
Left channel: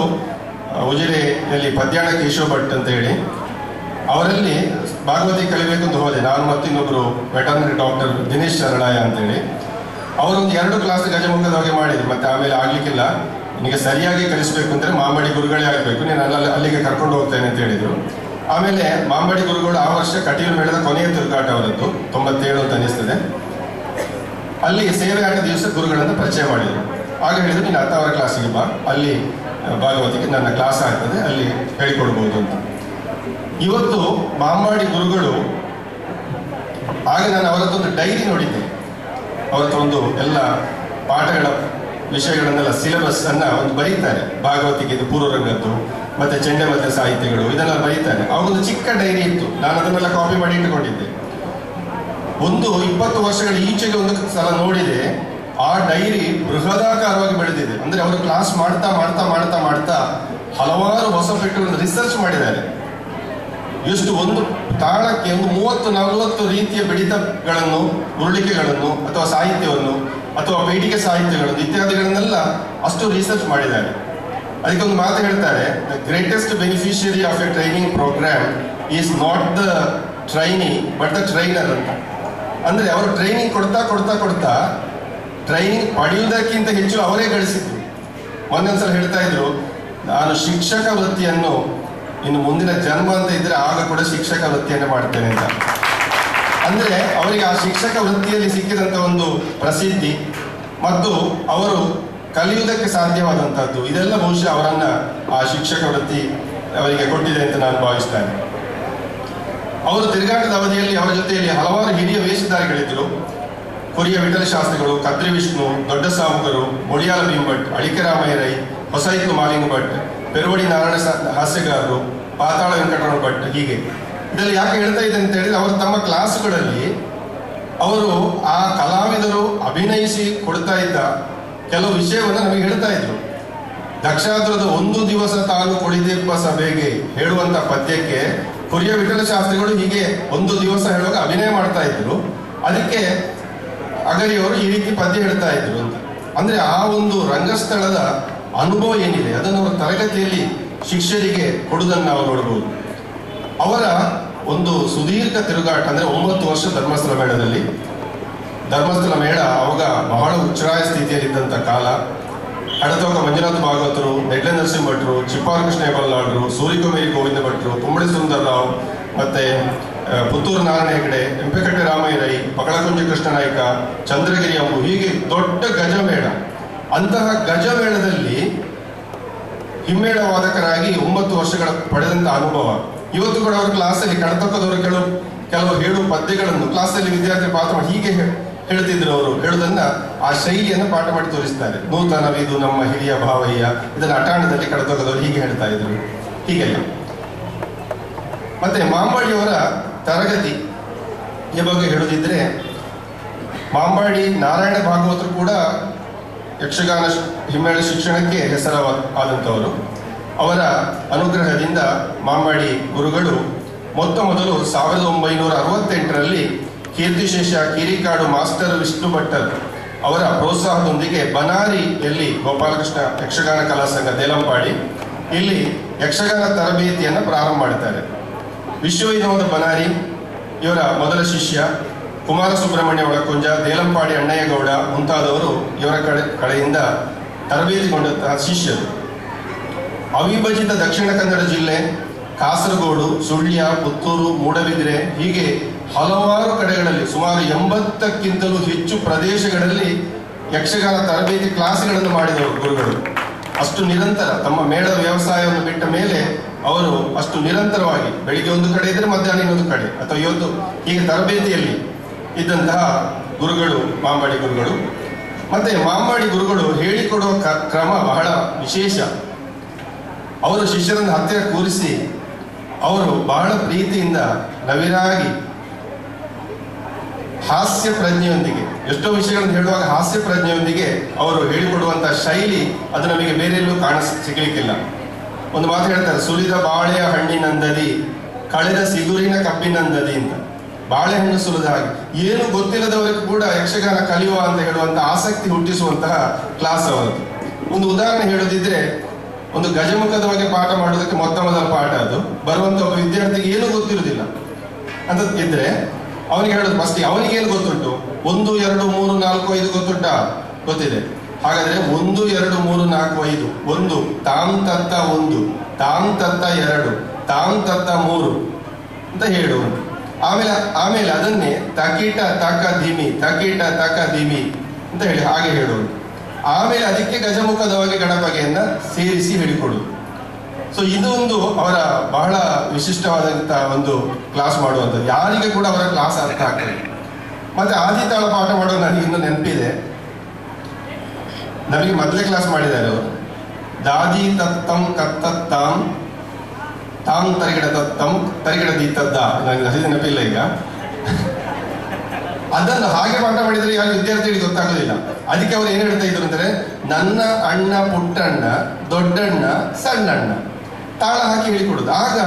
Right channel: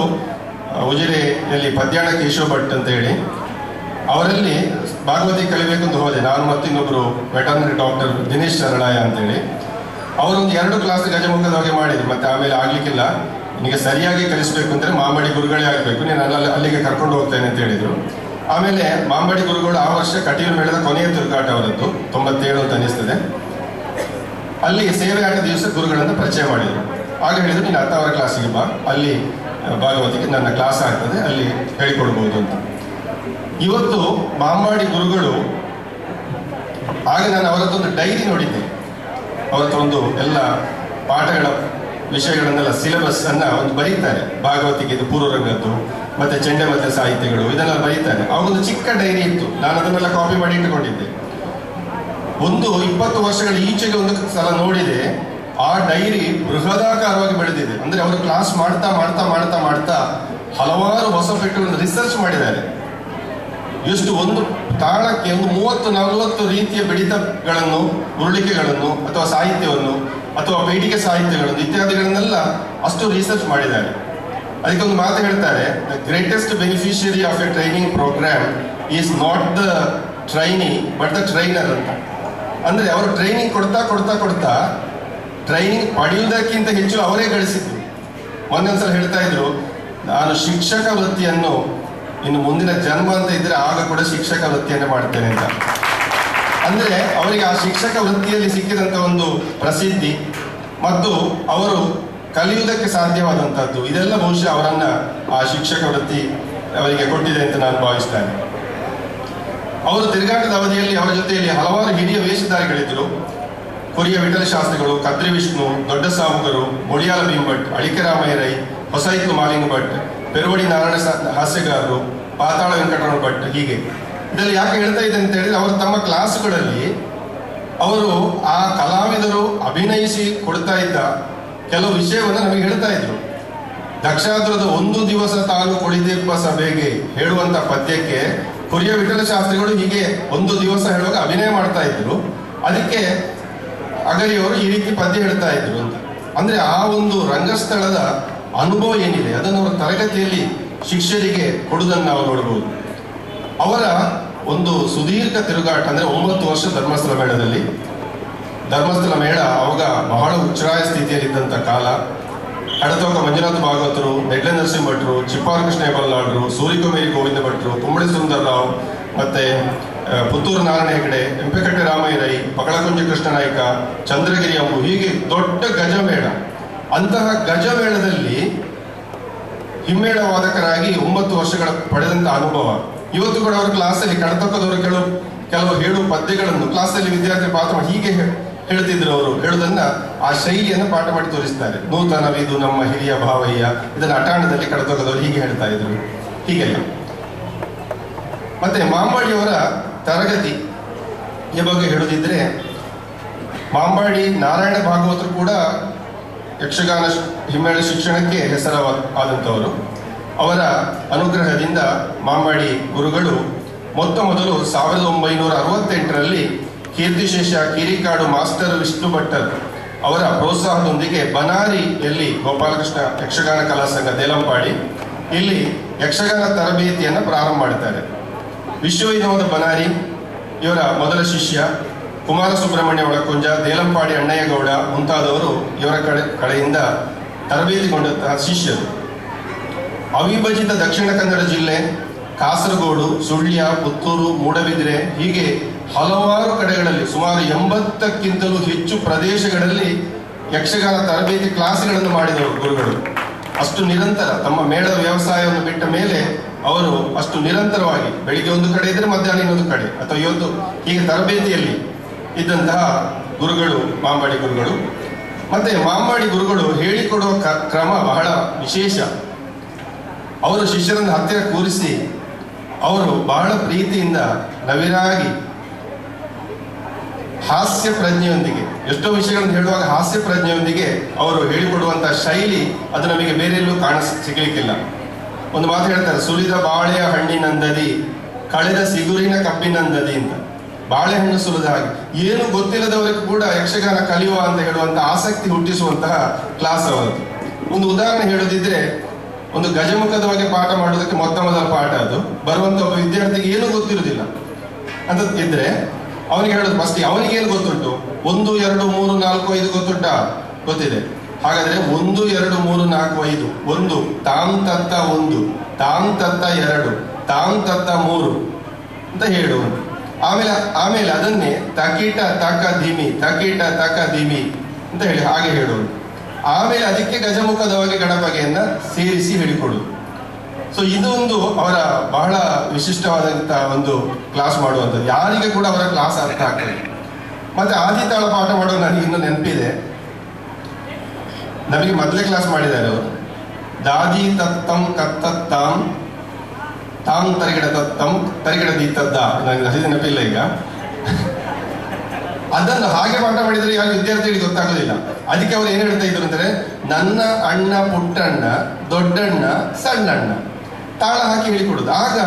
ಉಜಿರೆಯಲ್ಲಿ ಪದ್ಯಾಣ ಕೇಶವ ಭಟ್ ಅಂತ ಹೇಳಿ ಅವರಲ್ಲಿ ಭಾಗವತಿ ಕಲಿಬೇಕು ಅಂತ ಹೋದೆ. ನಾನು ಮತ್ತು ಇನ್ನೊಬ್ರು ವೆಟರ್ನರಿ ಡಾಕ್ಟರ್ ದಿನೇಶ್ ಶರಣಾಯ ಅಂತೇಳಿ ಅವರೊಂದು 2 ಕ್ಲಾಸ್ ಗಜಮುಖದವರೆಗೆ ಮಾಡಿದ್ರು. ಮತ್ತೆ ಆಮೇಲೆ ಆಗ್ಲಿಕ್ಕಿಲ್ಲ, ನಿನಗೆ ಸರಿಯಾಗಿ ಕಲಿಸ್ಬೇಕು ಅಂದ್ರೆ ಮಾಂಬಾಡಿ ಗುರುಗಳೇ ಆಗಬೇಕು, ನೀನು ಅಲ್ಲಿಗೆ ಕರ್ಕೊಂಡು ಹೋಗ್ತೇನೆ ಅಂತ ಹೇಳಿದ್ರು. ಆಮೇಲೆ ಮಾಂಬಾಡಿ ಗುರುಗಳು ಆ ವರ್ಷ ಕಟೀಲು ಮೇಳದ ಕೊನೆಯ ತಿರುಗಾಟ ಅವರದ್ದು, 97 ಅಂತ ಅನಿಸ್ತದೆ. ಅಲ್ಲಿ ಸೇವೆ ಆಟ ದಿವಸ ಗುರುಗಳನ್ನು ಪರಿಚಯ ಮಾಡಿದ್ರು. ಆಗ ಹೇಳಿದ್ರು, ನೀನು 10ರ ಕ್ಲಾಸಿಗೆ ಬಾ, ಅಲ್ಲಿ ಭಾಗವತಿಗೆ ನನ್ನ ಕ್ಲಾಸ್ ಆಗ್ತದೆ, ಅಲ್ಲಿ ಹೇಳಿಕೊಡ್ಬೋದು ಅಂತ. ಇವತ್ತು ಮಾಂಬಾಡಿ ಗುರುಗಳು, ಆಗ ನಾನು ಅವರದ್ದೊಂದು ಡೈರಿ ನೋಡಿದ್ದೆ. ಅವರತ್ತೊಂದು ಎಲ್ಲ ಪಾಠಗಳ ವಿಷಯಗಳನ್ನೆಲ್ಲ ಸಿಲೆಬಸ್ ಅನ್ನ ಒಂದು ಬರೀತಾರೆ. ಭಾಗವತಿಗೆ ಇದು ಪೂರ್ವರಂಗದ್ದು ಮತ್ತೆ ಚೆಂಡೆಮದ್ದೆ ಸಾಹಿತ್ಯಗಳು ಇದನ್ನೆಲ್ಲ ಬರೀತಾರೆ. ಅವಾಗೊಂದು ಚಿಕ್ಕ ಡೈರಿ ಇತ್ತು, ನಾನು ಅದನ್ನೆಲ್ಲ ಕಾಪಿ ಮಾಡಿ ಇಟ್ಟುಕೊಂಡಿದ್ದೆ. ಒಂದು 20 ವರ್ಷಗಳ ಈಚೆಗೆ ಒಂದು ಸಲ ನೋಡಿದೆ, ಆ ಡೈರಿ ಬೃಹದಾಕಾರವಾಗಿ ಬೆಳೆದಿದೆ. ಅಂದ್ರೆ ಅವರು ಕ್ಲಾಸ್ ಮಾಡ್ತಾ ಮಾಡ್ತಾ ಮಾಡ್ತಾ ಮಾಡ್ತಾ ಹಲವಾರು ಹೊಸ ಪೆಟ್ಟುಗಳನ್ನು ರಿಸರ್ಚ್ ಮಾಡಿದ್ದಾರೆ. ಎಷ್ಟು ಒಂದು ತಾಳಕ್ಕೆ ಒಂದು 30-40 ರೀತಿಯ ಬಡಿತಗಳನ್ನು, ಉರುಳಿಕೆಗಳನ್ನು ಅಥವಾ ಸಾಹಿತ್ಯವನ್ನು ಅಥವಾ ಪೀಠಿಕೆ ಸಾಹಿತ್ಯಗಳನ್ನು ಇತ್ಯಾದಿಗಳನ್ನೆಲ್ಲ ಅಷ್ಟು ರಿಸರ್ಚ್ ಮಾಡಿದ್ದಾರೆ. ಅದಕ್ಕೆ ಒಂದು ಮಾತು ಹೇಳ್ತಾರೆ, the greatest beneficiary of a training programme is not the trainee but the trainer ಅಂತ. ಅಂದ್ರೆ ಅವರು ಟ್ರೈನಿಂಗ್ ಕೊಡ್ತಾ ಕೊಡ್ತಾ ಕೊಡ್ತಾ ಟ್ರೈನಿಂಗ್ ಪಡೆಯುವುದಕ್ಕಿಂತ ಹೆಚ್ಚು ಅವರೇ ಗಳಿಸಿದ್ರು. ಮೊನ್ನೆೊಂದ್ಸಲ ಹೇಳ್ತಾ ಇದ್ರು, ನಾನು ಶಿಕ್ಷಕ ವೃತ್ತಿಯನ್ನು ಇನ್ನು ಮುಂದಿನ ಜನ್ಮ ಅಂತ ಇದ್ರೆ ಆಗ ಕೂಡ ಶಿಕ್ಷಕ ವೃತ್ತಿಯನ್ನು ಮಾಡ್ತೇನೆ ಅಂತ. ಅಂದ್ರೆ ಅವರಿಗೆ ಆ ಶಿಕ್ಷಕ ವೃತ್ತಿಯಲ್ಲಿ ಸಿಕ್ಕಿದಂತ ಒಂದು ಪ್ರಸಿದ್ಧಿ ಮತ್ತು ಅವರು ಕಲಿಯುವುದಕ್ಕೆ ಸಾಧ್ಯವಾದಂತಹದ್ದು ಇದೆಲ್ಲ ಬಹುಶಃ ಅವರನ್ನ ಆ ಶಿಕ್ಷಕ ವೃತ್ತಿ ಅವರಿಗೆ ಕೊಟ್ಟಿದೆ ಅಂತ ನಾನು ಭಾವಿಸ್ತೇನೆ. ಅವರು ತಿರುಗಾಟದ ಅವಧಿಯಲ್ಲಿ ಅವರ ಜೊತೆಯಲ್ಲಿ ಹಲವಾರು ಹಿರಿಯ ವೇಷಧಾರಿಗಳಿದ್ರು. ಕೊರಿಯ ವಿಠಲ ಶಾಸ್ತ್ರಿಗಳು, ಕದ್ರಿ ವಿಷ್ಣು, ದೊಡ್ಡ ಸಾವುಕರು, ಮೊಳಿಯಾಲ ಭೀಮಭಟ್, ಅಳಿಕೆ ರಾಮಯ್ಯ ರೈ, ಹೊಸೈತ್ಲು ಮಾಲಿಂಗ ಭಟ್, ಪೆರುವಡಿ ನಾರಾಯಣ ಹಾಸ್ಯಗಾರರು, ಪಾತಾಳ ವೆಂಕಟರಮಣ ಭಟ್, ಹೀಗೆ. ಇದರಲ್ಲಿ ಯಾಕೆ ಹೇಳ್ತಾ ಇದೆ ಅಂತ ಹೇಳಿದ್ರೆ, ಅವರು ತಮ್ಮ ಕ್ಲಾಸ್ಗಳಲ್ಲಿ ಅವರು ಆ ಕಲಾವಿದರು ಅಭಿನಯಿಸಿ ಕೊಡ್ತಾ ಇದ್ದ ಕೆಲವು ವಿಷಯವನ್ನು ನಮಗೆ ಹೇಳ್ತಾ ಇದ್ರು. ದಕ್ಷಾದುರದ ಒಂದು ದಿವಸ ತಾನು ಕುಳಿದೆಪ್ಪ ಸಭೆಗೆ ಹೇಳುವಂತ ಪದ್ಯಕ್ಕೆ ಕೊರಿಯ ವಿಠಲ ಶಾಸ್ತ್ರಿಗಳು ಹೀಗೆ ಒಂದು ದಿವಸ ಹೇಳುವಾಗ ಅಭಿನಯ ಮಾಡ್ತಾ ಇದ್ರು. ಅದಕ್ಕೆ ಅಗರಿಯವರು ಈ ರೀತಿ ಪದ್ಯ ಹೇಳ್ತಾ ಇದ್ರು ಅಂತ. ಅಂದ್ರೆ ಆ ಒಂದು ರಂಗಸ್ಥಳದ ಅನುಭವ ಏನಿದೆ ಅದನ್ನು ಅವರು ತರಗತಿಯಲ್ಲಿ ಶಿಷ್ಯರಿಗೆ ಕೊಡುವುದನ್ನು ನಾವು ನೋಡಬಹುದು. ಅವರ ಒಂದು ಸುದೀರ್ಘ ತಿರುಗಾಟ ಅಂದ್ರೆ 9 ವರ್ಷ ಧರ್ಮಸ್ಥಳ ಮೇಳದಲ್ಲಿ. ಧರ್ಮಸ್ಥಳ ಮೇಳ ಅವಾಗ ಬಹಳ ಉಚ್ಛ್ರಾಯ ಸ್ಥಿತಿಯಲ್ಲಿದ್ದಂಥ ಕಾಲ. ಹಡತೋಕ ಮಂಜುನಾಥ ಭಾಗವತರು, ನೆಡ್ಲೆ ನರಸಿಂಹ ಭಟ್ರು, ಚಿಪ್ಪಾರು ಕೃಷ್ಣ ಬಲ್ಲಾಳರು, ಸೂರಿಕೊಮೇರಿ ಗೋವಿಂದ ಭಟ್ರು, ಕುಂಬಳಿ ಸುಂದರರಾವ್, ಮತ್ತೆ ಪುತ್ತೂರು ನಾರಾಯಣ ಹೆಗಡೆ, ಎಂಪೆಕಟ್ಟೆ ರಾಮಯ್ಯ ರೈ, ಪಗಳಕುಂಜ ಕೃಷ್ಣ ನಾಯ್ಕ, ಚಂದ್ರಗಿರಿ ಅಂಬು, ಹೀಗೆ ದೊಡ್ಡ ಗಜಮೇಳ. ಅಂತಹ ಗಜಮೇಳದಲ್ಲಿ ಹಿಮ್ಮೇಳ ವಾದಕರಾಗಿ 9 ವರ್ಷಗಳ ಪಡೆದಂತ ಅನುಭವ. ಇವತ್ತು ಕೂಡ ಅವರ ಕ್ಲಾಸಲ್ಲಿ ಕಡತಕ್ಕದವರು ಕೆಲವು ಹೇಳುವ ಪದ್ಯಗಳನ್ನು ಕ್ಲಾಸಲ್ಲಿ ವಿದ್ಯಾರ್ಥಿ ಪಾಠ ಮಾಡಿ ಹೀಗೆ ಹೇಳ್ತಿದ್ರು. ಅವರು ಹೇಳುವುದನ್ನ ಆ ಶೈಲಿಯನ್ನು ಪಾಠ ಮಾಡಿ ತೋರಿಸ್ತಾರೆ. ನೂತನವಿದು ನಮ್ಮ ಹಿರಿಯ ಭಾವಯ್ಯ, ಇದನ್ನ ಅಟಾಣದಲ್ಲಿ ಕಡತಕ್ಕದವರು ಹೀಗೆ ಹೇಳ್ತಾ ಇದ್ರು, ಹೀಗೆಲ್ಲ. ಮತ್ತೆ ಮಾಂಬಾಡಿಯವರ ತರಗತಿ ಈ ಬಗ್ಗೆ ಹೇಳುದಿದ್ರೆ, ಮಾಂಬಾಡಿ ನಾರಾಯಣ ಭಾಗವತರು ಕೂಡ ಯಕ್ಷಗಾನ ಹಿಮ್ಮೇಳ ಶಿಕ್ಷಣಕ್ಕೆ ಹೆಸರಾದಂಥವರು. ಅವರ ಅನುಗ್ರಹದಿಂದ ಮಾಂಬಾಡಿ ಗುರುಗಳು ಮೊದಲು 1968ರಲ್ಲಿ ಕೀರ್ತಿಶೇಷ ಕಿರಿಕಾಡು ಮಾಸ್ಟರ್ ವಿಷ್ಣು ಭಟ್ಟರ್ ಅವರ ಪ್ರೋತ್ಸಾಹದೊಂದಿಗೆ ಬನಾರಿಯಲ್ಲಿ ಗೋಪಾಲಕೃಷ್ಣ ಯಕ್ಷಗಾನ ಕಲಾ ಸಂಘ ದೇಲಂಪಾಡಿ ಇಲ್ಲಿ ಯಕ್ಷಗಾನ ತರಬೇತಿಯನ್ನು ಪ್ರಾರಂಭ ಮಾಡ್ತಾರೆ. ವಿಶ್ವ ವಿನೋದ ಬನಾರಿ ಇವರ ಮೊದಲ ಶಿಷ್ಯ, ಕುಮಾರ ಸುಬ್ರಹ್ಮಣ್ಯ ಒಳಕೊಂಜ, ದೇಲಂಪಾಡಿ ಅಣ್ಣಯ್ಯಗೌಡ ಮುಂತಾದವರು ಇವರ ಕಡೆಯಿಂದ ತರಬೇತಿಗೊಂಡಂತಹ ಶಿಷ್ಯರು. ಅವಿಭಜಿತ ದಕ್ಷಿಣ ಕನ್ನಡ ಜಿಲ್ಲೆ, ಕಾಸರಗೋಡು, ಸುಳ್ಯ, ಪುತ್ತೂರು, ಮೂಡಬಿದಿರೆ ಹೀಗೆ ಹಲವಾರು ಕಡೆಗಳಲ್ಲಿ ಸುಮಾರು 80ಕ್ಕಿಂತಲೂ ಹೆಚ್ಚು ಪ್ರದೇಶಗಳಲ್ಲಿ ಯಕ್ಷಗಾನ ತರಬೇತಿ ಕ್ಲಾಸ್ಗಳನ್ನು ಮಾಡಿದವರು ಗುರುಗಳು. ಅಷ್ಟು ನಿರಂತರ ತಮ್ಮ ಮೇಳದ ವ್ಯವಸಾಯವನ್ನು ಬಿಟ್ಟ ಮೇಲೆ ಅವರು ಅಷ್ಟು ನಿರಂತರವಾಗಿ ಬೆಳಿಗ್ಗೆ ಒಂದು ಕಡೆ ಇದ್ರೆ ಮಧ್ಯಾಹ್ನ ಇನ್ನೊಂದು ಕಡೆ ಅಥವಾ ಇವತ್ತು ಹೀಗೆ ತರಬೇತಿಯಲ್ಲಿ ಇದ್ದಂತಹ ಗುರುಗಳು ಮಾಂಬಾಡಿ ಗುರುಗಳು. ಮತ್ತೆ ಮಾಂಬಾಡಿ ಗುರುಗಳು ಹೇಳಿಕೊಡುವ ಕ್ರಮ ಬಹಳ ವಿಶೇಷ. ಅವರು ಶಿಷ್ಯರನ್ನು ಹತ್ತಿರ ಕೂರಿಸಿ ಅವರು ಬಹಳ ಪ್ರೀತಿಯಿಂದ ನವಿರಾಗಿ ಹಾಸ್ಯ ಪ್ರಜ್ಞೆಯೊಂದಿಗೆ, ಎಷ್ಟೋ ವಿಷಯಗಳನ್ನು ಹೇಳುವಾಗ ಹಾಸ್ಯ ಪ್ರಜ್ಞೆಯೊಂದಿಗೆ ಅವರು ಹೇಳಿಕೊಡುವಂತಹ ಶೈಲಿ ಅದು ನಮಗೆ ಬೇರೆಲ್ಲೂ ಸಿಗಲಿಕ್ಕಿಲ್ಲ. ಒಂದು ಮಾತು ಹೇಳ್ತಾರೆ, ಸುಲಿದ ಬಾಳೆಯ ಹಣ್ಣಿನಂದದಿ ಕಳೆದ ಸಿಗುರಿನ ಕಬ್ಬಿನಂದದಿ ಅಂತ. ಬಾಳೆಹಣ್ಣು ಸುಲಿದ ಹಾಗೆ ಏನು ಗೊತ್ತಿಲ್ಲದವರಿಗೂ ಕೂಡ ಯಕ್ಷಗಾನ ಕಲಿಯುವ ಅಂತ ಹೇಳುವಂತಹ ಆಸಕ್ತಿ ಹುಟ್ಟಿಸುವಂತಹ ಕ್ಲಾಸ್ ಅವರದ್ದು. ಒಂದು ಉದಾಹರಣೆ ಹೇಳೋದಿದ್ರೆ, ಒಂದು ಗಜಮುಖದ ಬಗ್ಗೆ ಪಾಠ ಮಾಡೋದಕ್ಕೆ ಮೊದಲ ಪಾಠ ಅದು. ಬರುವಂತ ಒಬ್ಬ ವಿದ್ಯಾರ್ಥಿಗೆ ಏನು ಗೊತ್ತಿರುವುದಿಲ್ಲ ಅಂತ ಇದ್ರೆ ಅವನಿಗೆ ಹೇಳೋದು ಫಸ್ಟ್ ಅವನಿಗೆ ಏನು ಗೊತ್ತುಂಟು, 1 2 3 4 5 ಗೊತ್ತುಂಟಾ? ಗೊತ್ತಿದೆ. ಹಾಗಾದ್ರೆ 1 2 3 4 5 1 ತಾಂ ತತ್ತ 1 ತಾಂ ತತ್ತ 2 ತಾಂ ತತ್ತ 3 ಅಂತ ಹೇಳುವುದು. ಆಮೇಲೆ ಅದನ್ನೇ ತಕೀಟ ತಕ ಧಿಮಿ ತಕೀಟ ತಕ ಧಿಮಿ ಅಂತ ಹೇಳಿ ಹಾಗೆ ಹೇಳುವುದು. ಆಮೇಲೆ ಅದಕ್ಕೆ ಗಜಮುಖದವಾಗಿ ಗಣಪಗೆಯನ್ನ ಸೇರಿಸಿ ಹೇಳಿಕೊಡುದು. ಸೊ ಇದು ಒಂದು ಅವರ ಬಹಳ ವಿಶಿಷ್ಟವಾದಂತಹ ಒಂದು ಕ್ಲಾಸ್ ಮಾಡುವಂಥದ್ದು. ಯಾರಿಗೆ ಕೂಡ ಅವರ ಕ್ಲಾಸ್ ಅರ್ಥ ಆಗ್ತದೆ. ಮತ್ತೆ ಆದಿತಾಳ ಪಾಠ ಮಾಡೋದು ನನಗೆ ಇನ್ನೂ ನೆನಪಿದೆ. ನಮಗೆ ಮೊದಲೇ ಕ್ಲಾಸ್ ಮಾಡಿದ್ದಾರೆ ಅವರು. ದಾದಿ ತತ್ತಂ ಕತ್ತತ್ತಾಂ ತಾಂ ತರಿಗಿಡ ತತ್ತಂ ತರಿಗಿಡ ದೀತದ್ದ, ನನಗೆ ನೆನಪಿಲ್ಲ ಈಗ. ಅದನ್ನು ಹಾಗೆ ಪಾಠ ಮಾಡಿದ್ರೆ ಯಾರು ವಿದ್ಯಾರ್ಥಿಗಳಿಗೆ ಗೊತ್ತಾಗೋದಿಲ್ಲ. ಅದಕ್ಕೆ ಅವ್ರು ಏನ್ ಹೇಳ್ತಾ ಇದ್ರು ಅಂದ್ರೆ, ನನ್ನ ಅಣ್ಣ ಪುಟ್ಟಣ್ಣ ದೊಡ್ಡಣ್ಣ ಸಣ್ಣಣ್ಣ ತಾಳ ಹಾಕಿ ಹೇಳಿಕೊಡುದು. ಆಗ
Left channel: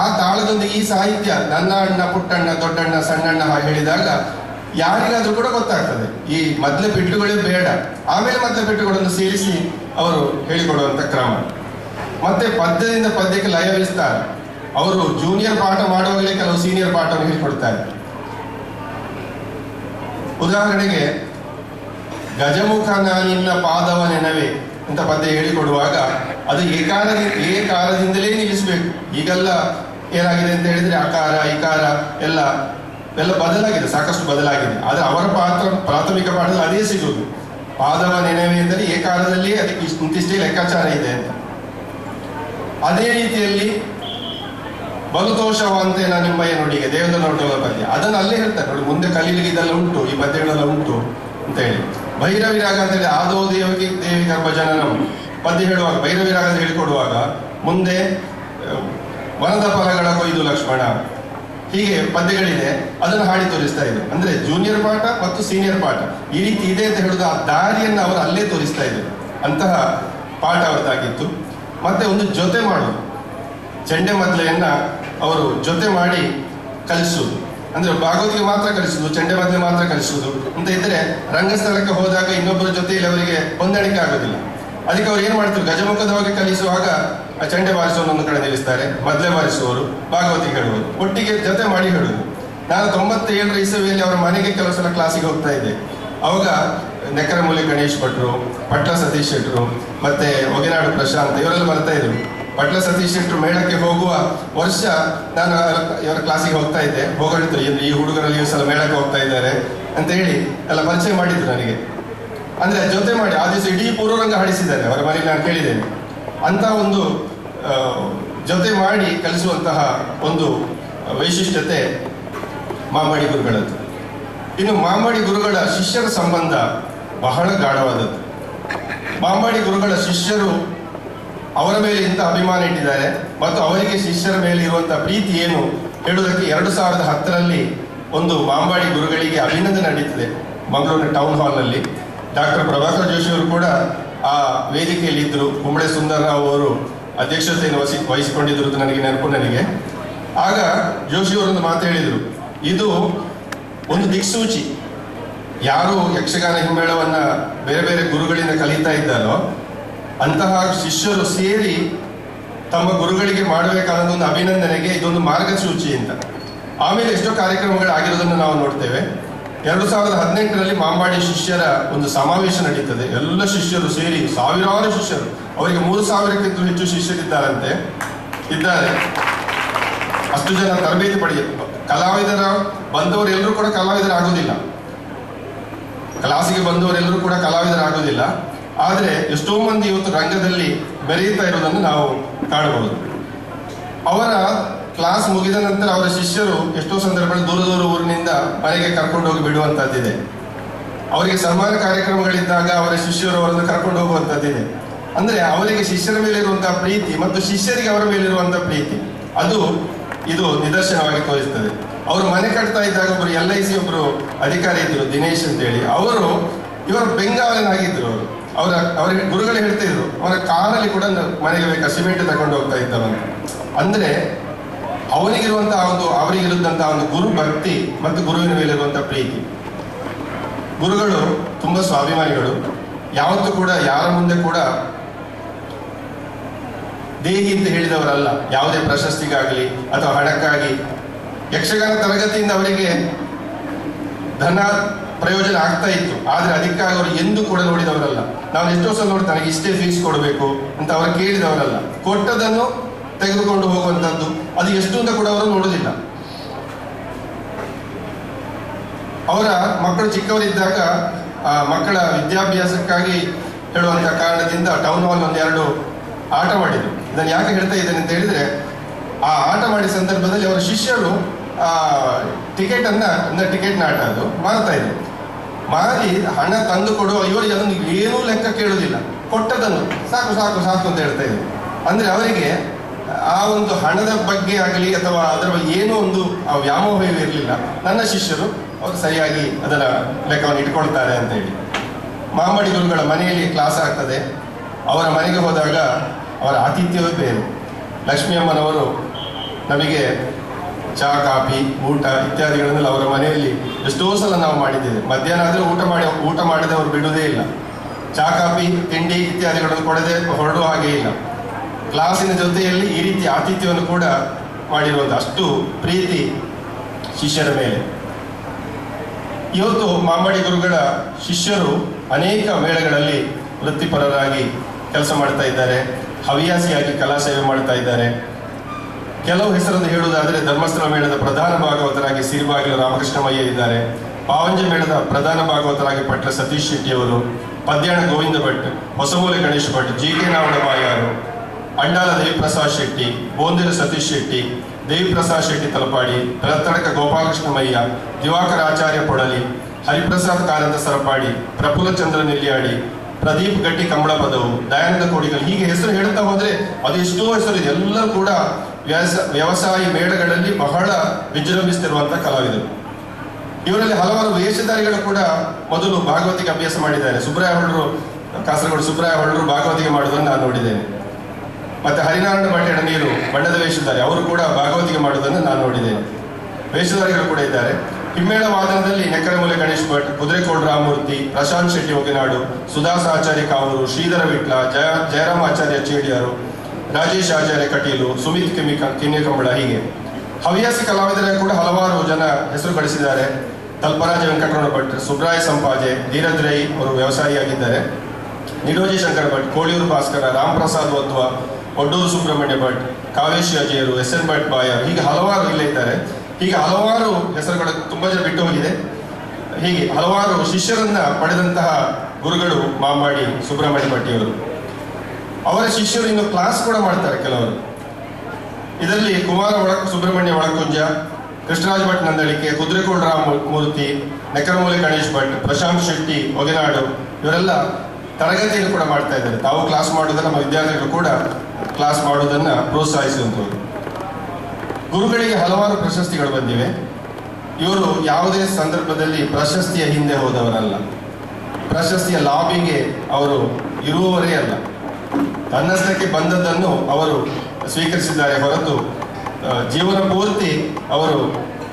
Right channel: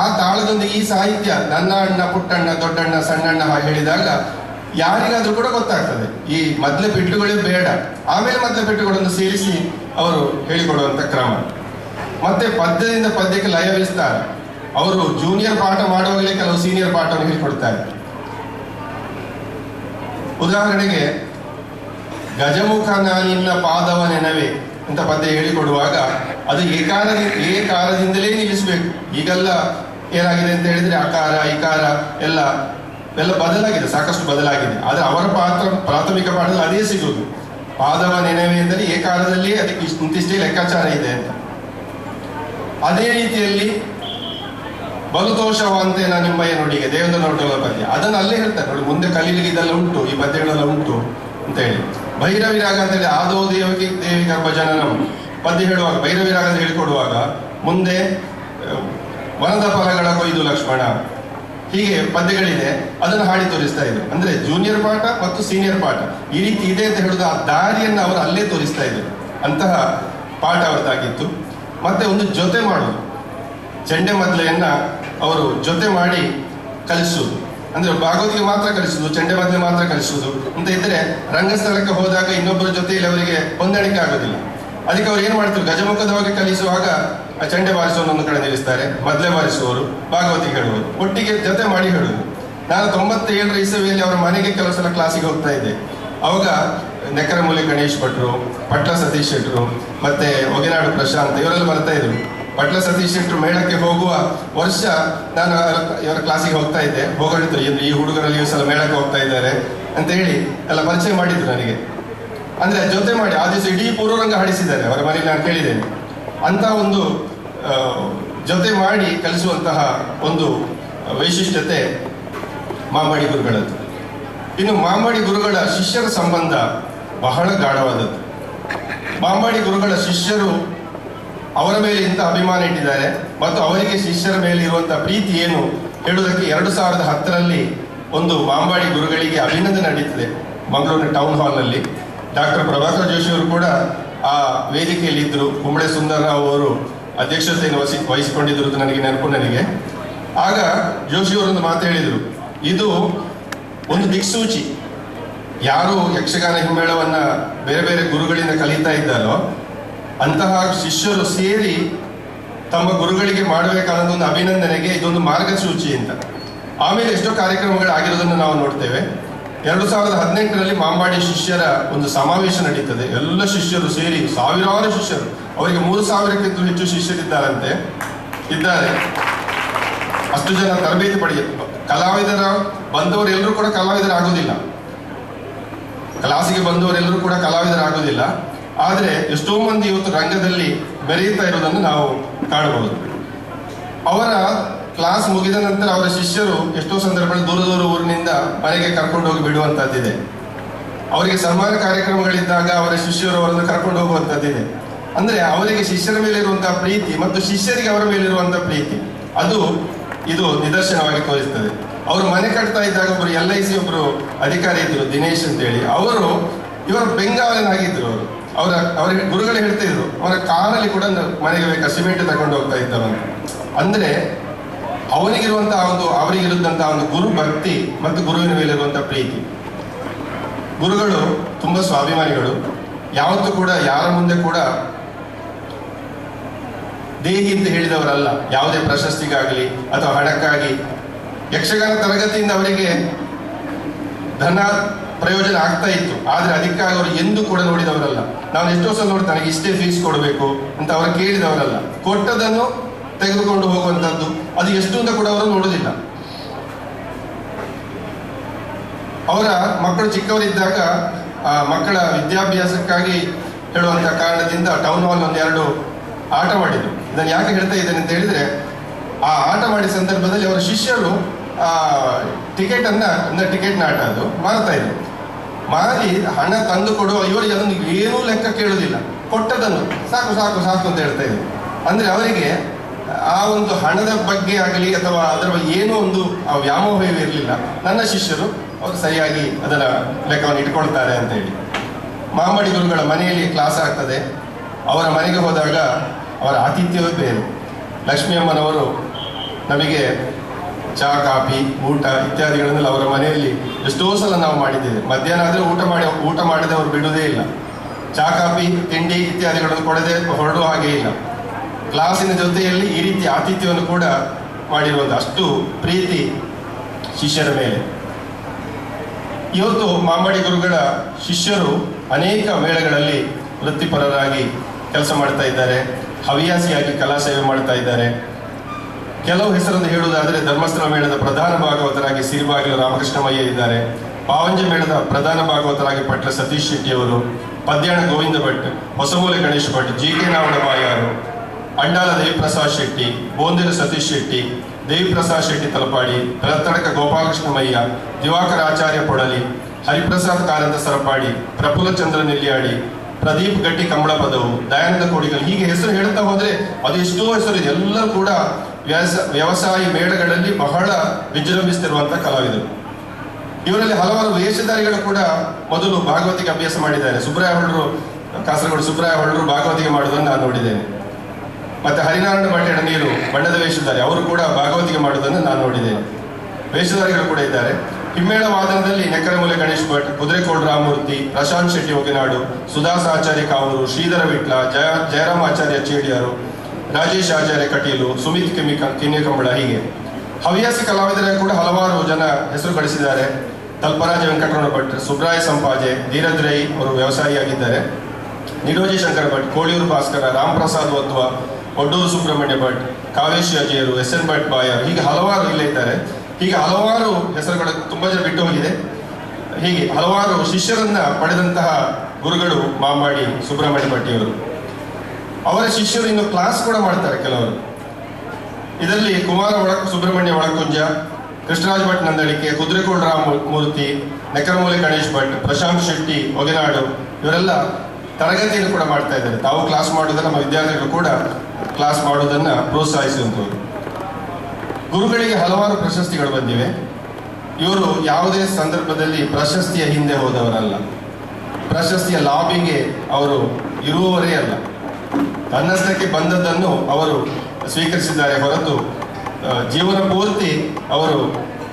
ಆ ತಾಳದೊಂದಿಗೆ ಈ ಸಾಹಿತ್ಯ ನನ್ನ ಅಣ್ಣ ಪುಟ್ಟಣ್ಣ ದೊಡ್ಡಣ್ಣ ಸಣ್ಣಣ್ಣ ಹೇಳಿದಾಗ ಯಾರಿಗಾದ್ರೂ ಕೂಡ ಗೊತ್ತಾಗ್ತದೆ. ಈ ಮೊದಲೇ ಪೆಟ್ಟುಗಳೇ ಬೇಡ, ಆಮೇಲೆ ಮೊದಲೇ ಪೆಟ್ಟುಗಳನ್ನು ಸೇರಿಸಿ ಅವರು ಹೇಳಿಕೊಡುವಂತ ಕ್ರಮ. ಮತ್ತೆ ಪದ್ಯದಿಂದ ಪದ್ಯಕ್ಕೆ ಲಯ ವಿಸ್ತಾರ. ಅವರು ಜೂನಿಯರ್ ಪಾಠ ಮಾಡುವಾಗಲೇ ಕೆಲವು ಸೀನಿಯರ್ ಪಾಠವನ್ನು ಹೇಳಿಕೊಡ್ತಾರೆ. ಉದಾಹರಣೆಗೆ, ಗಜಮುಖ ನಾನಿನ್ನ ಪಾದವ ನೆನವೆ ಅಂತ ಪದ್ಯ ಹೇಳಿಕೊಡುವಾಗ ಅದು ಏಕಾರದಿಂದಲೇ ನಿಲ್ಲಿಸಬೇಕು. ಈಗೆಲ್ಲ ಏನಾಗಿದೆ ಅಂತ ಹೇಳಿದ್ರೆ ಅಕಾರ ಇಕಾರ ಎಲ್ಲ ಬದಲಾಗಿದೆ, ಸಾಕಷ್ಟು ಬದಲಾಗಿದೆ. ಆದ್ರೆ ಅವರ ಪ್ರಾಥಮಿಕ ಪಾಠದಲ್ಲಿ ಅದೇ ಸಿಗುವುದು. ಪಾದವ ನೆನವೆ ಎಂದರೆ ಏಕಾರದಲ್ಲಿ ಅದಕ್ಕೆ ಇಂತಿಷ್ಟೇ ಲೆಕ್ಕಾಚಾರ ಇದೆ ಅಂತ. ಅದೇ ರೀತಿಯಲ್ಲಿ ಬಲುದೋಷವಂತೇನ ನಿಮ್ಮಯ್ಯ ನುಡಿಗೆ ದೇವೇಂದ್ರ ನೋಟಗಳ ಪದ್ಯ, ಅದನ್ನು ಅಲ್ಲೇ ಹೇಳ್ತಾರೆ ನೋಡಿ, ಮುಂದೆ ಕಲೀಲಿಗೆ ಇದೆಲ್ಲ ಉಂಟು, ಈ ಪದ್ಯಗಳೆಲ್ಲ ಉಂಟು ಅಂತ ಹೇಳಿ. ಭೈರವಿರಾಗ ಅಂತ ಹೇಳಿ ಆದೋ ದೇವಿ ಗರ್ಭಜನನಂ ಪದ್ಯ ಹೇಳುವಾಗ, ಭೈರವಿರಾಗ ಅಂತ ಹೇಳಿಕೊಡುವಾಗ ಮುಂದೆ ವನದ ಫಲಗಳ ಕೊಯ್ದು ಲಕ್ಷ್ಮಣ ಹೀಗೆ ಪದ್ಯಗಳಿದೆ, ಅದನ್ನು ಹಾಡಿ ತೋರಿಸ್ತಾ ಇದ್ರು. ಅಂದ್ರೆ ಜೂನಿಯರ್ ಪಾಠ ಮತ್ತು ಸೀನಿಯರ್ ಪಾಠ ಈ ರೀತಿ ಇದೆ ಅಂತ ಹೇಳುದು, ಆ ದಾರಿಯನ್ನು ಅವರು ಅಲ್ಲೇ ತೋರಿಸ್ತಾ ಇದ್ರು. ಅಂತಹ ಪಾಠ ಅವರದಾಗಿತ್ತು. ಮತ್ತೆ ಒಂದು ಜೊತೆ ಮಾಡುದು, ಚೆಂಡೆ ಮದ್ಲೆಯನ್ನ ಅವರು ಜೊತೆ ಮಾಡಿ ಕಲಿಸುವುದು. ಅಂದ್ರೆ ಭಾಗವತಿಗೆ ಮಾತ್ರ ಕಲಿಸುದು, ಚೆಂಡೆ ಮದ್ಲೆ ಮಾತ್ರ ಕಲಿಸುವುದು ಅಂತ ಇದ್ರೆ ರಂಗಸ್ಥಳಕ್ಕೆ ಹೋದಾಗ ಇನ್ನೊಬ್ಬರ ಜೊತೆಯಲ್ಲಿ ಅವರಿಗೆ ಹೊಂದಾಣಿಕೆ ಆಗೋದಿಲ್ಲ. ಅದಕ್ಕೆ ಅವ್ರು ಏನ್ ಮಾಡ್ತಾರೆ, ಗಜಮುಖದವಾಗಿ ಕಲಿಸುವಾಗ ಚೆಂಡೆ ಬಾರಿಸುವವನೊಂದು ಕಡೆ ನಿಲ್ಲಿಸ್ತಾರೆ, ಮದ್ಲೆ ಬಾರಿಸುವವರು ಭಾಗವತಿಗೆ ಹೇಳುವರು, ಒಟ್ಟಿಗೆ ಜೊತೆ ಮಾಡಿ ಹೇಳುವುದು. ನಾನು 97ರ ಇಸವಿಯಲ್ಲಿ ಅವರ ಮನೆಗೆ ಕೆಲವು ಸಲ ಕ್ಲಾಸಿಗೆ ಹೋಗ್ತಾ ಇದ್ದೆ. ಅವಾಗ ನೆಕರಮೂಲೆ ಗಣೇಶ್ ಭಟ್ರು, ಪಟ್ಲ ಸತೀಶ್ ಶೆಟ್ರು, ಮತ್ತೆ ಒಗೆನಾಡು ಪ್ರಶಾಂತ್ ಇವರೆಲ್ಲ ಬರ್ತಾ ಇದ್ರು. ಪಟ್ಲ ಸತೀಶ್ ಶೆಟ್ರು ಮೇಳಕ್ಕೆ ಹೋಗುವ ವರ್ಷ ನಾನು ಇವರ ಕ್ಲಾಸಿಗೆ ಹೋಗ್ತಾ ಇದ್ದೆ. ಹೋಗಿದ್ರು, ಈ ಹುಡುಗರಲ್ಲಿ ಈ ಸಲ ಮೇಳಕ್ಕೆ ಹೋಗ್ತಾ ಇದ್ದಾರೆ ಅಂತ ಹೇಳಿ ಎಲ್ಲ ಪರಿಚಯ ಮಾಡಿದ್ರು ನನಗೆ. ಅಂದ್ರೆ ಜೊತೆ ಮಾಡಿ ಆ ದಿವಸ ಇಡೀ ಪೂರ್ವರಂಗ ಹಾಡಿಸಿದ್ದಾರೆ ಅವರ ಮನೆಗೆ, ನಾನು ಕೇಳಿದ್ದೇನೆ. ಅಂತ ಒಂದು ಜೊತೆ ಮಾಡಿ ಕಲಿಸುವಂತಹ ಒಂದು ವೈಶಿಷ್ಟ್ಯತೆ ಮಾಂಬಾಡಿ ಗುರುಗಳದ್ದು. ಇನ್ನು ಮಾಂಬಾಡಿ ಗುರುಗಳ ಶಿಷ್ಯರ ಸಂಬಂಧ ಬಹಳ ಗಾಢವಾದದ್ದು. ಮಾಂಬಾಡಿ ಗುರುಗಳ ಶಿಷ್ಯರು ಅವರ ಮೇಲೆ ಇಂಥ ಅಭಿಮಾನ ಇಟ್ಟಿದ್ದಾರೆ ಮತ್ತು ಅವರಿಗೆ ಶಿಷ್ಯರ ಮೇಲೆ ಇರುವಂತಹ ಪ್ರೀತಿ ಏನು ಹೇಳುವುದಕ್ಕೆ 2010ರಲ್ಲಿ ಒಂದು ಮಾಂಬಾಡಿ ಗುರುಗಳಿಗೆ ಅಭಿನಂದನೆ ನಡೀತದೆ ಮಂಗಳೂರಿನ ಟೌನ್ ಹಾಲ್ ನಲ್ಲಿ. ಡಾಕ್ಟರ್ ಪ್ರಭಾಕರ್ ಜೋಶಿ ಅವರು ಕೂಡ ಆ ವೇದಿಕೆಯಲ್ಲಿ ಇದ್ರು. ಕುಂಬಳೆ ಸುಂದರರಾವ್ ಅವರು ಅಧ್ಯಕ್ಷತೆಯನ್ನು ವಹಿಸಿಕೊಂಡಿದ್ರು ಅಂತ ನನಗೆ ನೆನಪು. ಆಗ ಜೋಶಿ ಅವರೊಂದು ಮಾತು ಹೇಳಿದ್ರು, ಇದು ಒಂದು ದಿಕ್ಸೂಚಿ. ಯಾರು ಯಕ್ಷಗಾನ ಹಿಮ್ಮೇಳವನ್ನ ಬೇರೆ ಬೇರೆ ಗುರುಗಳಿಂದ ಕಲಿತಾ ಇದ್ದಾರೋ ಅಂತಹ ಶಿಷ್ಯರು ಸೇರಿ ತಮ್ಮ ಗುರುಗಳಿಗೆ ಮಾಡಬೇಕಾದ ಒಂದು ಅಭಿನಂದನೆಗೆ ಇದೊಂದು ಮಾರ್ಗಸೂಚಿ ಅಂತ. ಆಮೇಲೆ ಎಷ್ಟೋ ಕಾರ್ಯಕ್ರಮಗಳಾಗಿರೋದನ್ನು ನಾವು ನೋಡ್ತೇವೆ. 2018ರಲ್ಲಿ ಮಾಂಬಾಡಿ ಶಿಷ್ಯರ ಒಂದು ಸಮಾವೇಶ ನಡೀತದೆ. ಎಲ್ಲ ಶಿಷ್ಯರು ಸೇರಿ, ಸಾವಿರಾರು ಶಿಷ್ಯರು, ಅವರಿಗೆ 3000ಕ್ಕಿಂತಲೂ ಹೆಚ್ಚು ಶಿಷ್ಯರಿದ್ದಾರಂತೆ, ಇದ್ದಾರೆ. ಅಷ್ಟು ಜನ ತರಬೇತಿ ಪಡೆಯುತ್ತೆ. ಕಲಾವಿದರ ಬಂದವರೆಲ್ಲರೂ ಕೂಡ ಕಲಾವಿದರಾಗುವುದಿಲ್ಲ, ಕ್ಲಾಸಿಗೆ ಬಂದವರೆಲ್ಲರೂ ಕೂಡ ಕಲಾವಿದರಾಗುವುದಿಲ್ಲ. ಆದರೆ ಎಷ್ಟೋ ಮಂದಿ ಇವತ್ತು ರಂಗದಲ್ಲಿ ಬೆರೆಯುತ್ತಾ ಇರುವುದನ್ನು ನಾವು ಕಾಣಬಹುದು. ಅವರ ಕ್ಲಾಸ್ ಮುಗಿದ ನಂತರ ಅವರ ಶಿಷ್ಯರು ಎಷ್ಟೋ ಸಂದರ್ಭದಲ್ಲಿ ದೂರ ದೂರ ಊರಿನಿಂದ ಮನೆಗೆ ಕರ್ಕೊಂಡು ಹೋಗಿ ಬಿಡುವಂತದ್ದಿದೆ. ಅವರಿಗೆ ಸನ್ಮಾನ ಕಾರ್ಯಕ್ರಮಗಳಿದ್ದಾಗ ಅವರ ಶಿಷ್ಯರು ಅವರನ್ನು ಕರ್ಕೊಂಡು ಹೋಗುವಂತದ್ದಿದೆ. ಅಂದ್ರೆ ಅವರಿಗೆ ಶಿಷ್ಯರ ಮೇಲೆ ಇರುವಂತಹ ಪ್ರೀತಿ ಮತ್ತು ಶಿಷ್ಯರಿಗೆ ಅವರ ಮೇಲೆ ಇರುವಂತಹ ಪ್ರೀತಿ ಇದು ನಿದರ್ಶನವಾಗಿ ತೋರಿಸ್ತದೆ. ಅವರು ಮನೆ ಕಟ್ತಾ ಇದ್ದಾಗ ಒಬ್ಬರು LIC ಒಬ್ಬರು ಅಧಿಕಾರಿ ಇದ್ರು, ದಿನೇಶ್ ಅಂತೇಳಿ. ಇವರು ಬೆಂಗಾವಲನಾಗಿದ್ರು. ಅವರಿಗೆ ಗುರುಗಳು ಹೇಳ್ತಾ ಇದ್ರು, ಅವರ ಕಾರಲ್ಲಿ ಕೂಡ ಮನೆಗೆ ಬೇಕಾ ಸಿಮೆಂಟ್ ತಗೊಂಡು ಹೋಗ್ತಾ ಇದ್ದವಂತ. ಅಂದ್ರೆ ಅವರಿಗಿರುವಂತಹ ಒಂದು ಗುರು ಭಕ್ತಿ ಮತ್ತು ಗುರುವಿನ ಮೇಲೆ ಇರುವಂತಹ ಪ್ರೀತಿ. ಗುರುಗಳು ತುಂಬಾ ಸ್ವಾಭಿಮಾನಿಗಳು. ಯಾವತ್ತೂ ಕೂಡ ಯಾರ ಮುಂದೆ ಕೂಡ ದೇಹಿ ಅಂತ ಹೇಳಿದವರಲ್ಲ. ಯಾವುದೇ ಪ್ರಶಸ್ತಿಗಾಗಲಿ ಅಥವಾ ಹಣಕ್ಕಾಗಿ. ಯಕ್ಷಗಾನ ತರಗತಿಯಿಂದ ಅವರಿಗೆ ಧನ ಪ್ರಯೋಜನ ಆಗ್ತಾ ಇತ್ತು, ಆದ್ರೆ ಅದಕ್ಕಾಗಿ ಅವರು ಎಂದೂ ಕೂಡ ನೋಡಿದವರಲ್ಲ. ನಾವು ಎಷ್ಟೋ ಸಲ ನೋಡ್ತಾನೆ ಇಷ್ಟೇ ಫೀಸ್ ಕೊಡಬೇಕು ಅಂತ ಅವರು ಕೇಳಿದವರಲ್ಲ. ಕೊಟ್ಟದನ್ನು ತೆಗೆದುಕೊಂಡು ಹೋಗುವಂತದ್ದು, ಅದು ಎಷ್ಟು ಅಂತ ಕೂಡ ಅವರು ನೋಡುವುದಿಲ್ಲ. ಅವರ ಮಕ್ಕಳು ಚಿಕ್ಕವರಿದ್ದಾಗ ಮಕ್ಕಳ ವಿದ್ಯಾಭ್ಯಾಸಕ್ಕಾಗಿ ಹೇಳುವಂತಹ ಕಾರಣದಿಂದ ಟೌನ್ ಹಾಲ್ 1-2 ಆಟ ಮಾಡಿದ್ರು. ಇದನ್ನು ಯಾಕೆ ಹೇಳ್ತಾ ಇದ್ದೇನೆ ಅಂತ ಹೇಳಿದ್ರೆ, ಆ ಆಟ ಮಾಡಿದ ಸಂದರ್ಭದಲ್ಲಿ ಅವರ ಶಿಷ್ಯರು ಟಿಕೆಟ್ನ ಆಟ ಅದು ಮಾರ್ತಾ ಇದ್ರು. ಮಾರಿ ಹಣ ತಂದು ಕೊಡುವ ಇವರಿಗೆ ಅದನ್ನು ಏನೂ ಲೆಕ್ಕ ಕೇಳುವುದಿಲ್ಲ. ಕೊಟ್ಟದನ್ನು ಸಾಕು ಸಾಕು ಸಾಕು ಅಂತ ಹೇಳ್ತಾ ಇದ್ರು. ಅಂದ್ರೆ ಅವರಿಗೆ ಆ ಒಂದು ಹಣದ ಬಗ್ಗೆ ಆಗಲಿ ಅಥವಾ ಅದರ ಏನೋ ಒಂದು ವ್ಯಾಮೋಹವೇ ಇರಲಿಲ್ಲ. ನನ್ನ ಶಿಷ್ಯರು ಅವರು ಸರಿಯಾಗಿ ಅದರ ಲೆಕ್ಕವನ್ನು ಇಟ್ಕೊಳ್ತಾರೆ ಅಂತ ಹೇಳಿ. ಮಾಂಬಾಡಿ ಗುರುಗಳ ಮನೆಯಲ್ಲಿ ಕ್ಲಾಸ್ ಆಗ್ತದೆ. ಅವರ ಮನೆಗೆ ಹೋದಾಗ ಅವರ ಆತಿಥ್ಯವೇ ಬೇರೆ. ಲಕ್ಷ್ಮೀ ಅಮ್ಮನವರು ನಮಗೆ ಚಹಾ, ಕಾಫಿ, ಊಟ ಇತ್ಯಾದಿಗಳನ್ನೆಲ್ಲ ಅವರ ಮನೆಯಲ್ಲಿ ಎಷ್ಟೋ ಸಲ ನಾವು ಮಾಡಿದ್ದೇವೆ. ಮಧ್ಯಾಹ್ನ ಆದರೆ ಊಟ ಮಾಡದೆ ಅವರು ಬಿಡುವುದೇ ಇಲ್ಲ. ಚಹಾ, ಕಾಫಿ, ತಿಂಡಿ ಇತ್ಯಾದಿಗಳನ್ನು ಕೊಡದೆ ಹೊರಡುವ ಹಾಗೆ ಇಲ್ಲ. ಕ್ಲಾಸಿನ ಜೊತೆಯಲ್ಲಿ ಈ ರೀತಿ ಆತಿಥ್ಯವನ್ನು ಕೂಡ ಮಾಡಿರುವಂಥ ಅಷ್ಟು ಪ್ರೀತಿ ಶಿಷ್ಯರ ಮೇಲೆ. ಇವತ್ತು ಮಾಂಬಾಡಿ ಗುರುಗಳ ಶಿಷ್ಯರು ಅನೇಕ ಮೇಳಗಳಲ್ಲಿ ವೃತ್ತಿಪರರಾಗಿ ಕೆಲಸ ಮಾಡ್ತಾ ಇದ್ದಾರೆ. ಹವ್ಯಾಸಿಯಾಗಿ ಕಲಾ ಸೇವೆ ಮಾಡ್ತಾ ಇದ್ದಾರೆ. ಕೆಲವು ಹೆಸರನ್ನು ಹೇಳುವುದಾದರೆ, ಧರ್ಮಸ್ಥಳ ಮೇಳದ ಪ್ರಧಾನ ಭಾಗವತರಾಗಿ ಸಿರಿಬಾಗಿಲು ರಾಮಕೃಷ್ಣಮಯ್ಯ ಇದ್ದಾರೆ. ಪಾವಂಜ ಮೇಳದ ಪ್ರಧಾನ ಭಾಗವತರಾಗಿ ಪಟ್ಲ ಸತೀಶ್ ಶೆಟ್ಟಿಯವರು, ಪದ್ಯಾಣ ಗೋವಿಂದ ಭಟ್, ಹೊಸಮೂಲೆ ಗಣೇಶ್ ಭಟ್, GK ನಾವಡ ಬಾಯಾರು, ಅಂಡಾಲ ದೇವಿಪ್ರಸಾದ್ ಶೆಟ್ಟಿ, ಬೋಂದಿರ ಸತೀಶ್ ಶೆಟ್ಟಿ, ದೇವಿಪ್ರಸಾದ್ ಶೆಟ್ಟಿ ತಲಪಾಡಿ, ರತ್ತಡಕ ಗೋಪಾಲಕೃಷ್ಣಮಯ್ಯ, ದಿವಾಕರ ಆಚಾರ್ಯ ಪೊಡಲಿ, ಹರಿಪ್ರಸಾದ್ ಕಾರಂತ ಸರಪಾಡಿ, ಪ್ರಫುಲ್ಲ ಚಂದ್ರ ನೆಲ್ಲಿಯಾಡಿ, ಪ್ರದೀಪ್ ಗಟ್ಟಿ ಕಂಬಳಪದವು, ದಯಾನಂದ ಕೋಡಿಗಲ್, ಹೀಗೆ ಹೆಸರು ಹೇಳ್ತಾ ಹೋದ್ರೆ ಅದು ಎಷ್ಟೋ ಹೆಸರು ಇದೆ. ಎಲ್ಲರೂ ಕೂಡ ವ್ಯವಸಾಯಿ ಮೇಳಗಳಲ್ಲಿ ಬಹಳ ವಿಜೃಂಭಿಸುತ್ತಿರುವಂತಹ ಕಲಾವಿದರು. ಇವರಲ್ಲಿ ಹಲವಾರು ವೇಷಧಾರಿಗಳು ಕೂಡ ಮೊದಲು ಭಾಗವತಿಗೆ ಅಭ್ಯಾಸ ಮಾಡಿದ್ದಾರೆ. ಸುಬ್ರಾಯ ಹೊಳ್ಳರು, ಕಾಸರಗೋಡು ಸುಬ್ರಾಯ ಹೊಳ್ಳರು ಭಾಗವತಿಗೆ ಮಾಡುವುದನ್ನು ನಾನು ನೋಡಿದ್ದೇನೆ. ಮತ್ತೆ ಹರಿನಾರಾಯಣ ಭಟ್ಟೆಡ ನೀರು ಬಣ್ಣದ ವೇಷಧಾರಿ, ಅವರು ಕೂಡ ಭಾಗವತಿಗೆ ಮಾಡುವುದನ್ನು ನಾನು ನೋಡಿದ್ದೇನೆ. ವೇಷಧಾರಿಗಳು ಕೂಡ ಇದ್ದಾರೆ. ಹಿಮ್ಮೇಳ ವಾದನದಲ್ಲಿ ನೆಕ್ಕರಮೂಲೆ ಗಣೇಶ್ ಭಟ್, ಕುದುರೆಕೋಡು ರಾಮಮೂರ್ತಿ, ಪ್ರಶಾಂತ್ ಶೆಟ್ಟಿ ಹೊಗೆನಾಡು, ಸುಧಾಸ್ ಆಚಾರ್ಯ ಕಾವೂರು, ಶ್ರೀಧರ ವಿಟ್ಲ, ಜಯರಾಮ ಆಚಾರ್ಯ ಚೇಡಿಯಾರು, ರಾಜೇಶ್ ಆಚಾರ್ಯ ಕಟೀಲು, ಸುಮಿತ್ ಕಿನ್ನೆಕಂಬಳ, ಹೀಗೆ ಹವ್ಯಾಸಿ ಕಲಾವಿದರ ಕೂಡ ಹಲವಾರು ಜನ ಹೆಸರು ಗಳಿಸಿದ್ದಾರೆ. ತಲ್ಪರಾಜ ವೆಂಕಟರಮಣ ಭಟ್, ಸುಬ್ರಾಯ ಸಂಪಾಜೆ, ಧೀರಜ್ ರೈ ಅವರು ವ್ಯವಸಾಯಿಯಾಗಿದ್ದಾರೆ. ನಿರೋಜಿ ಶಂಕರ ಭಟ್, ಕೋಳಿಯೂರು ಭಾಸ್ಕರ, ರಾಮ್ ಪ್ರಸಾದ್ ವದ್ವ, ಒಡ್ಡೂರು ಸುಬ್ರಹ್ಮಣ್ಯ ಭಟ್, ಕಾವೇಶಿ ಅಜಯರು, SN ಭಟ್ ಬಾಯರ್, ಹೀಗೆ ಹಲವಾರು ಇಲ್ಲೇ ಇದ್ದಾರೆ. ಹೀಗೆ ಹಲವಾರು ಹೆಸರುಗಳು ತುಂಬಾ ಜನ ಬಿಟ್ಟು ಹೋಗಿದೆ. ಹೀಗೆ ಹಲವಾರು ಶಿಷ್ಯರನ್ನ ಪಡೆದಂತಹ ಗುರುಗಳು ಮಾಂಬಾಡಿ ಸುಬ್ರಹ್ಮಣ್ಯ ಭಟ್ಟಿಯವರು. ಅವರ ಶಿಷ್ಯರು ಇನ್ನು ಕ್ಲಾಸ್ ಕೂಡ ಮಾಡ್ತಾರೆ ಕೆಲವರು. ಇದರಲ್ಲಿ ಸುಬ್ರಹ್ಮಣ್ಯ ಒಳಕುಂಜ, ಕೃಷ್ಣರಾಜ್ ಭಟ್ ನಂದಳಿಕೆ, ಕುದುರೆಕೋಡು ರಾಮಮೂರ್ತಿ, ನೆಕ್ಕರಮೂಲೆ ಗಣೇಶ್ ಭಟ್, ಪ್ರಶಾಂತ್ ಶೆಟ್ಟಿ ಹೊಗೆನಾಡು, ಇವರೆಲ್ಲ ತರಗತಿಯನ್ನು ಕೂಡ ಮಾಡ್ತಾ ಇದ್ದಾರೆ. ತಾವು ಕ್ಲಾಸ್ ಮಾಡುವುದನ್ನು ನಮ್ಮ ವಿದ್ಯಾರ್ಥಿಗಳು ಕೂಡ ಕ್ಲಾಸ್ ಮಾಡುವುದನ್ನ ಪ್ರೋತ್ಸಾಹಿಸುವಂಥವ್ರು. ಗುರುಗಳಿಗೆ ಹಲವಾರು ಪ್ರಶಸ್ತಿಗಳು ಬಂದಿವೆ. ಇವರು ಯಾವುದೇ ಸಂದರ್ಭದಲ್ಲಿ ಪ್ರಶಸ್ತಿಯ ಹಿಂದೆ ಹೋದವರಲ್ಲ. ಪ್ರಶಸ್ತಿಯ ಲಾಬಿಗೆ ಅವರು ಇರುವವರೇ ಅಲ್ಲ. ತನ್ನಷ್ಟಕ್ಕೆ ಬಂದದ್ದನ್ನು ಅವರು ಸ್ವೀಕರಿಸಿದ್ದಾರೆ ಹೊರತು ಜೀವನ ಪೂರ್ತಿ ಅವರು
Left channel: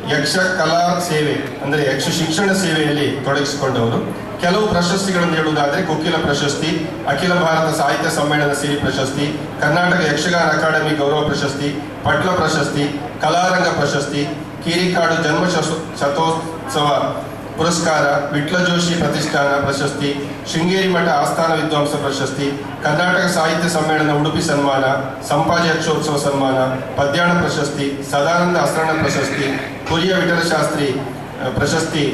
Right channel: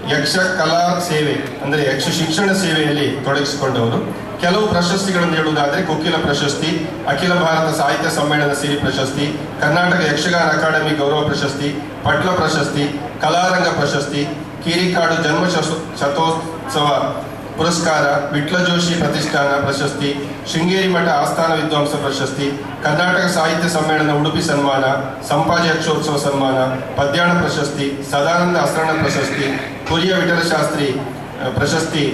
ಯಕ್ಷ ಕಲಾ ಸೇವೆ ಅಂದರೆ ಯಕ್ಷ ಶಿಕ್ಷಣ ಸೇವೆಯಲ್ಲಿ ತೊಡಗಿಸಿಕೊಂಡವರು. ಕೆಲವು ಪ್ರಶಸ್ತಿಗಳನ್ನು ಹೇಳುವುದಾದರೆ ಕೊಕ್ಕಿಲ ಪ್ರಶಸ್ತಿ, ಅಖಿಲ ಭಾರತ ಸಾಹಿತ್ಯ ಸಮ್ಮೇಳನ ಸಿರಿ ಪ್ರಶಸ್ತಿ, ಕರ್ನಾಟಕ ಯಕ್ಷಗಾನ ಅಕಾಡೆಮಿ ಗೌರವ ಪ್ರಶಸ್ತಿ, ಪಟ್ಲ ಪ್ರಶಸ್ತಿ, ಕಲಾರಂಗ ಪ್ರಶಸ್ತಿ, ಕೀರಿಕಾಡು ಜನ್ಮ ಶತೋತ್ಸವ ಪುರಸ್ಕಾರ, ವಿಟ್ಲ ಜೋಶಿ ಪ್ರತಿಷ್ಠಾನ ಪ್ರಶಸ್ತಿ, ಶೃಂಗೇರಿ ಮಠ ಆಸ್ಥಾನ ವಿದ್ವಾಂಸ ಪ್ರಶಸ್ತಿ, ಕರ್ನಾಟಕ ಸಾಹಿತ್ಯ ಸಮ್ಮೇಳನ ಉಡುಪಿ ಸನ್ಮಾನ, ಸಂಪಾಜಿ ಯಕ್ಷೋತ್ಸವ ಸನ್ಮಾನ, ಪದ್ಯಾಣ ಪ್ರಶಸ್ತಿ, ಸದಾನಂದ ಅಸ್ರಣ ಪ್ರಶಸ್ತಿ, ಪುರಿಯ ವಿಠಲಶಾಸ್ತ್ರಿ ಪ್ರಶಸ್ತಿ,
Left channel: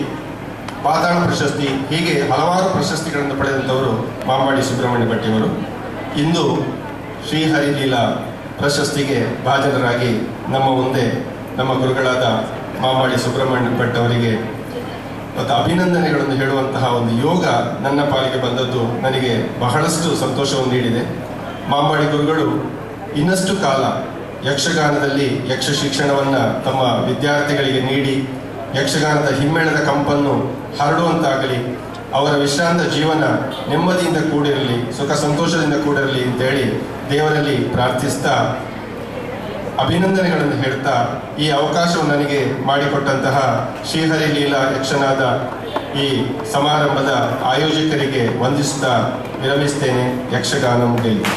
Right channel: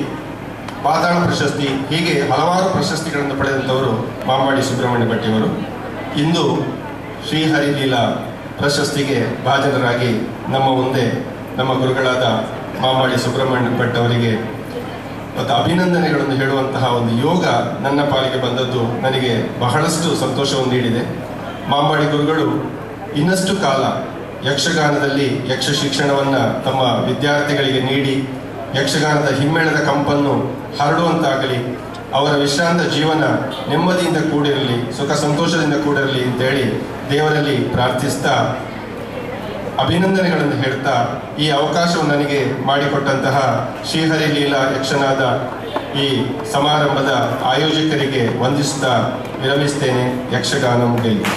ಪಾತಾಳ ಪ್ರಶಸ್ತಿ, ಹೀಗೆ ಹಲವಾರು ಪ್ರಶಸ್ತಿಗಳನ್ನು ಪಡೆದಂಥವರು ಮಾಂಬಾಡಿ ಸುಬ್ರಹ್ಮಣ್ಯ ಭಟ್ಟಿಯವರು. ಇಂದು ಶ್ರೀಹರಿಲೀಲಾ ಪ್ರಶಸ್ತಿಗೆ ಭಾಜನರಾಗಿ ನಮ್ಮ ಮುಂದೆ ನಮ್ಮ ಗುರುಗಳಾದ ಮಾಂಬಾಡಿ ಸುಬ್ರಹ್ಮಣ್ಯ ಭಟ್ ಅವರಿಗೆ ಮತ್ತು ಅಭಿನಂದನೆಗಳನ್ನು ಹೇಳುವಂತಹ ಒಂದು ಯೋಗ ನನ್ನ ಪಾಲಿಗೆ ಬಂದದ್ದು ನನಗೆ ಬಹಳಷ್ಟು ಸಂತೋಷವನ್ನು ನೀಡಿದೆ. ಮಾಂಬಾಡಿ ಗುರುಗಳು ಇನ್ನಷ್ಟು ಕಾಲ ಯಕ್ಷಗಾನದಲ್ಲಿ ಯಕ್ಷ ಶಿಕ್ಷಣವನ್ನು ತಮ್ಮ ವಿದ್ಯಾರ್ಥಿಗಳಿಗೆ ನೀಡಿ ಯಕ್ಷಗಾನದ ಹಿಮ್ಮೇಳದ ಕಂಪನ್ನು ಹರಡುವಂತಾಗಲಿ, ಅವರ ವಿಶ್ರಾಂತ ಜೀವನ ನೆಮ್ಮದಿಯಿಂದ ಕೂಡಿರಲಿ, ಸುಖ ಸಂತೋಷದಿಂದ ಕೂಡಿರಲಿ ಅಂತೇಳಿ ದೇವರಲ್ಲಿ ಪ್ರಾರ್ಥಿಸ್ತಾ ಅಭಿನಂದನೆಗಳನ್ನು ಹೇಳ್ತಾ ಈ ಅವಕಾಶವನ್ನು ನನಗೆ ಮಾಡಿಕೊಟ್ಟಂತಹ ಶ್ರೀಹರಿಲೀಲಾ ಯಕ್ಷನಾದ ಈ ಸಮಾರಂಭದ ಆಯೋಜಕರಿಗೆ ವಂದಿಸುತ್ತಾ ವಿರಮಿಸ್ತೇನೆ. ಯಕ್ಷಗಾನ ಗೆಲ್ಲಿ.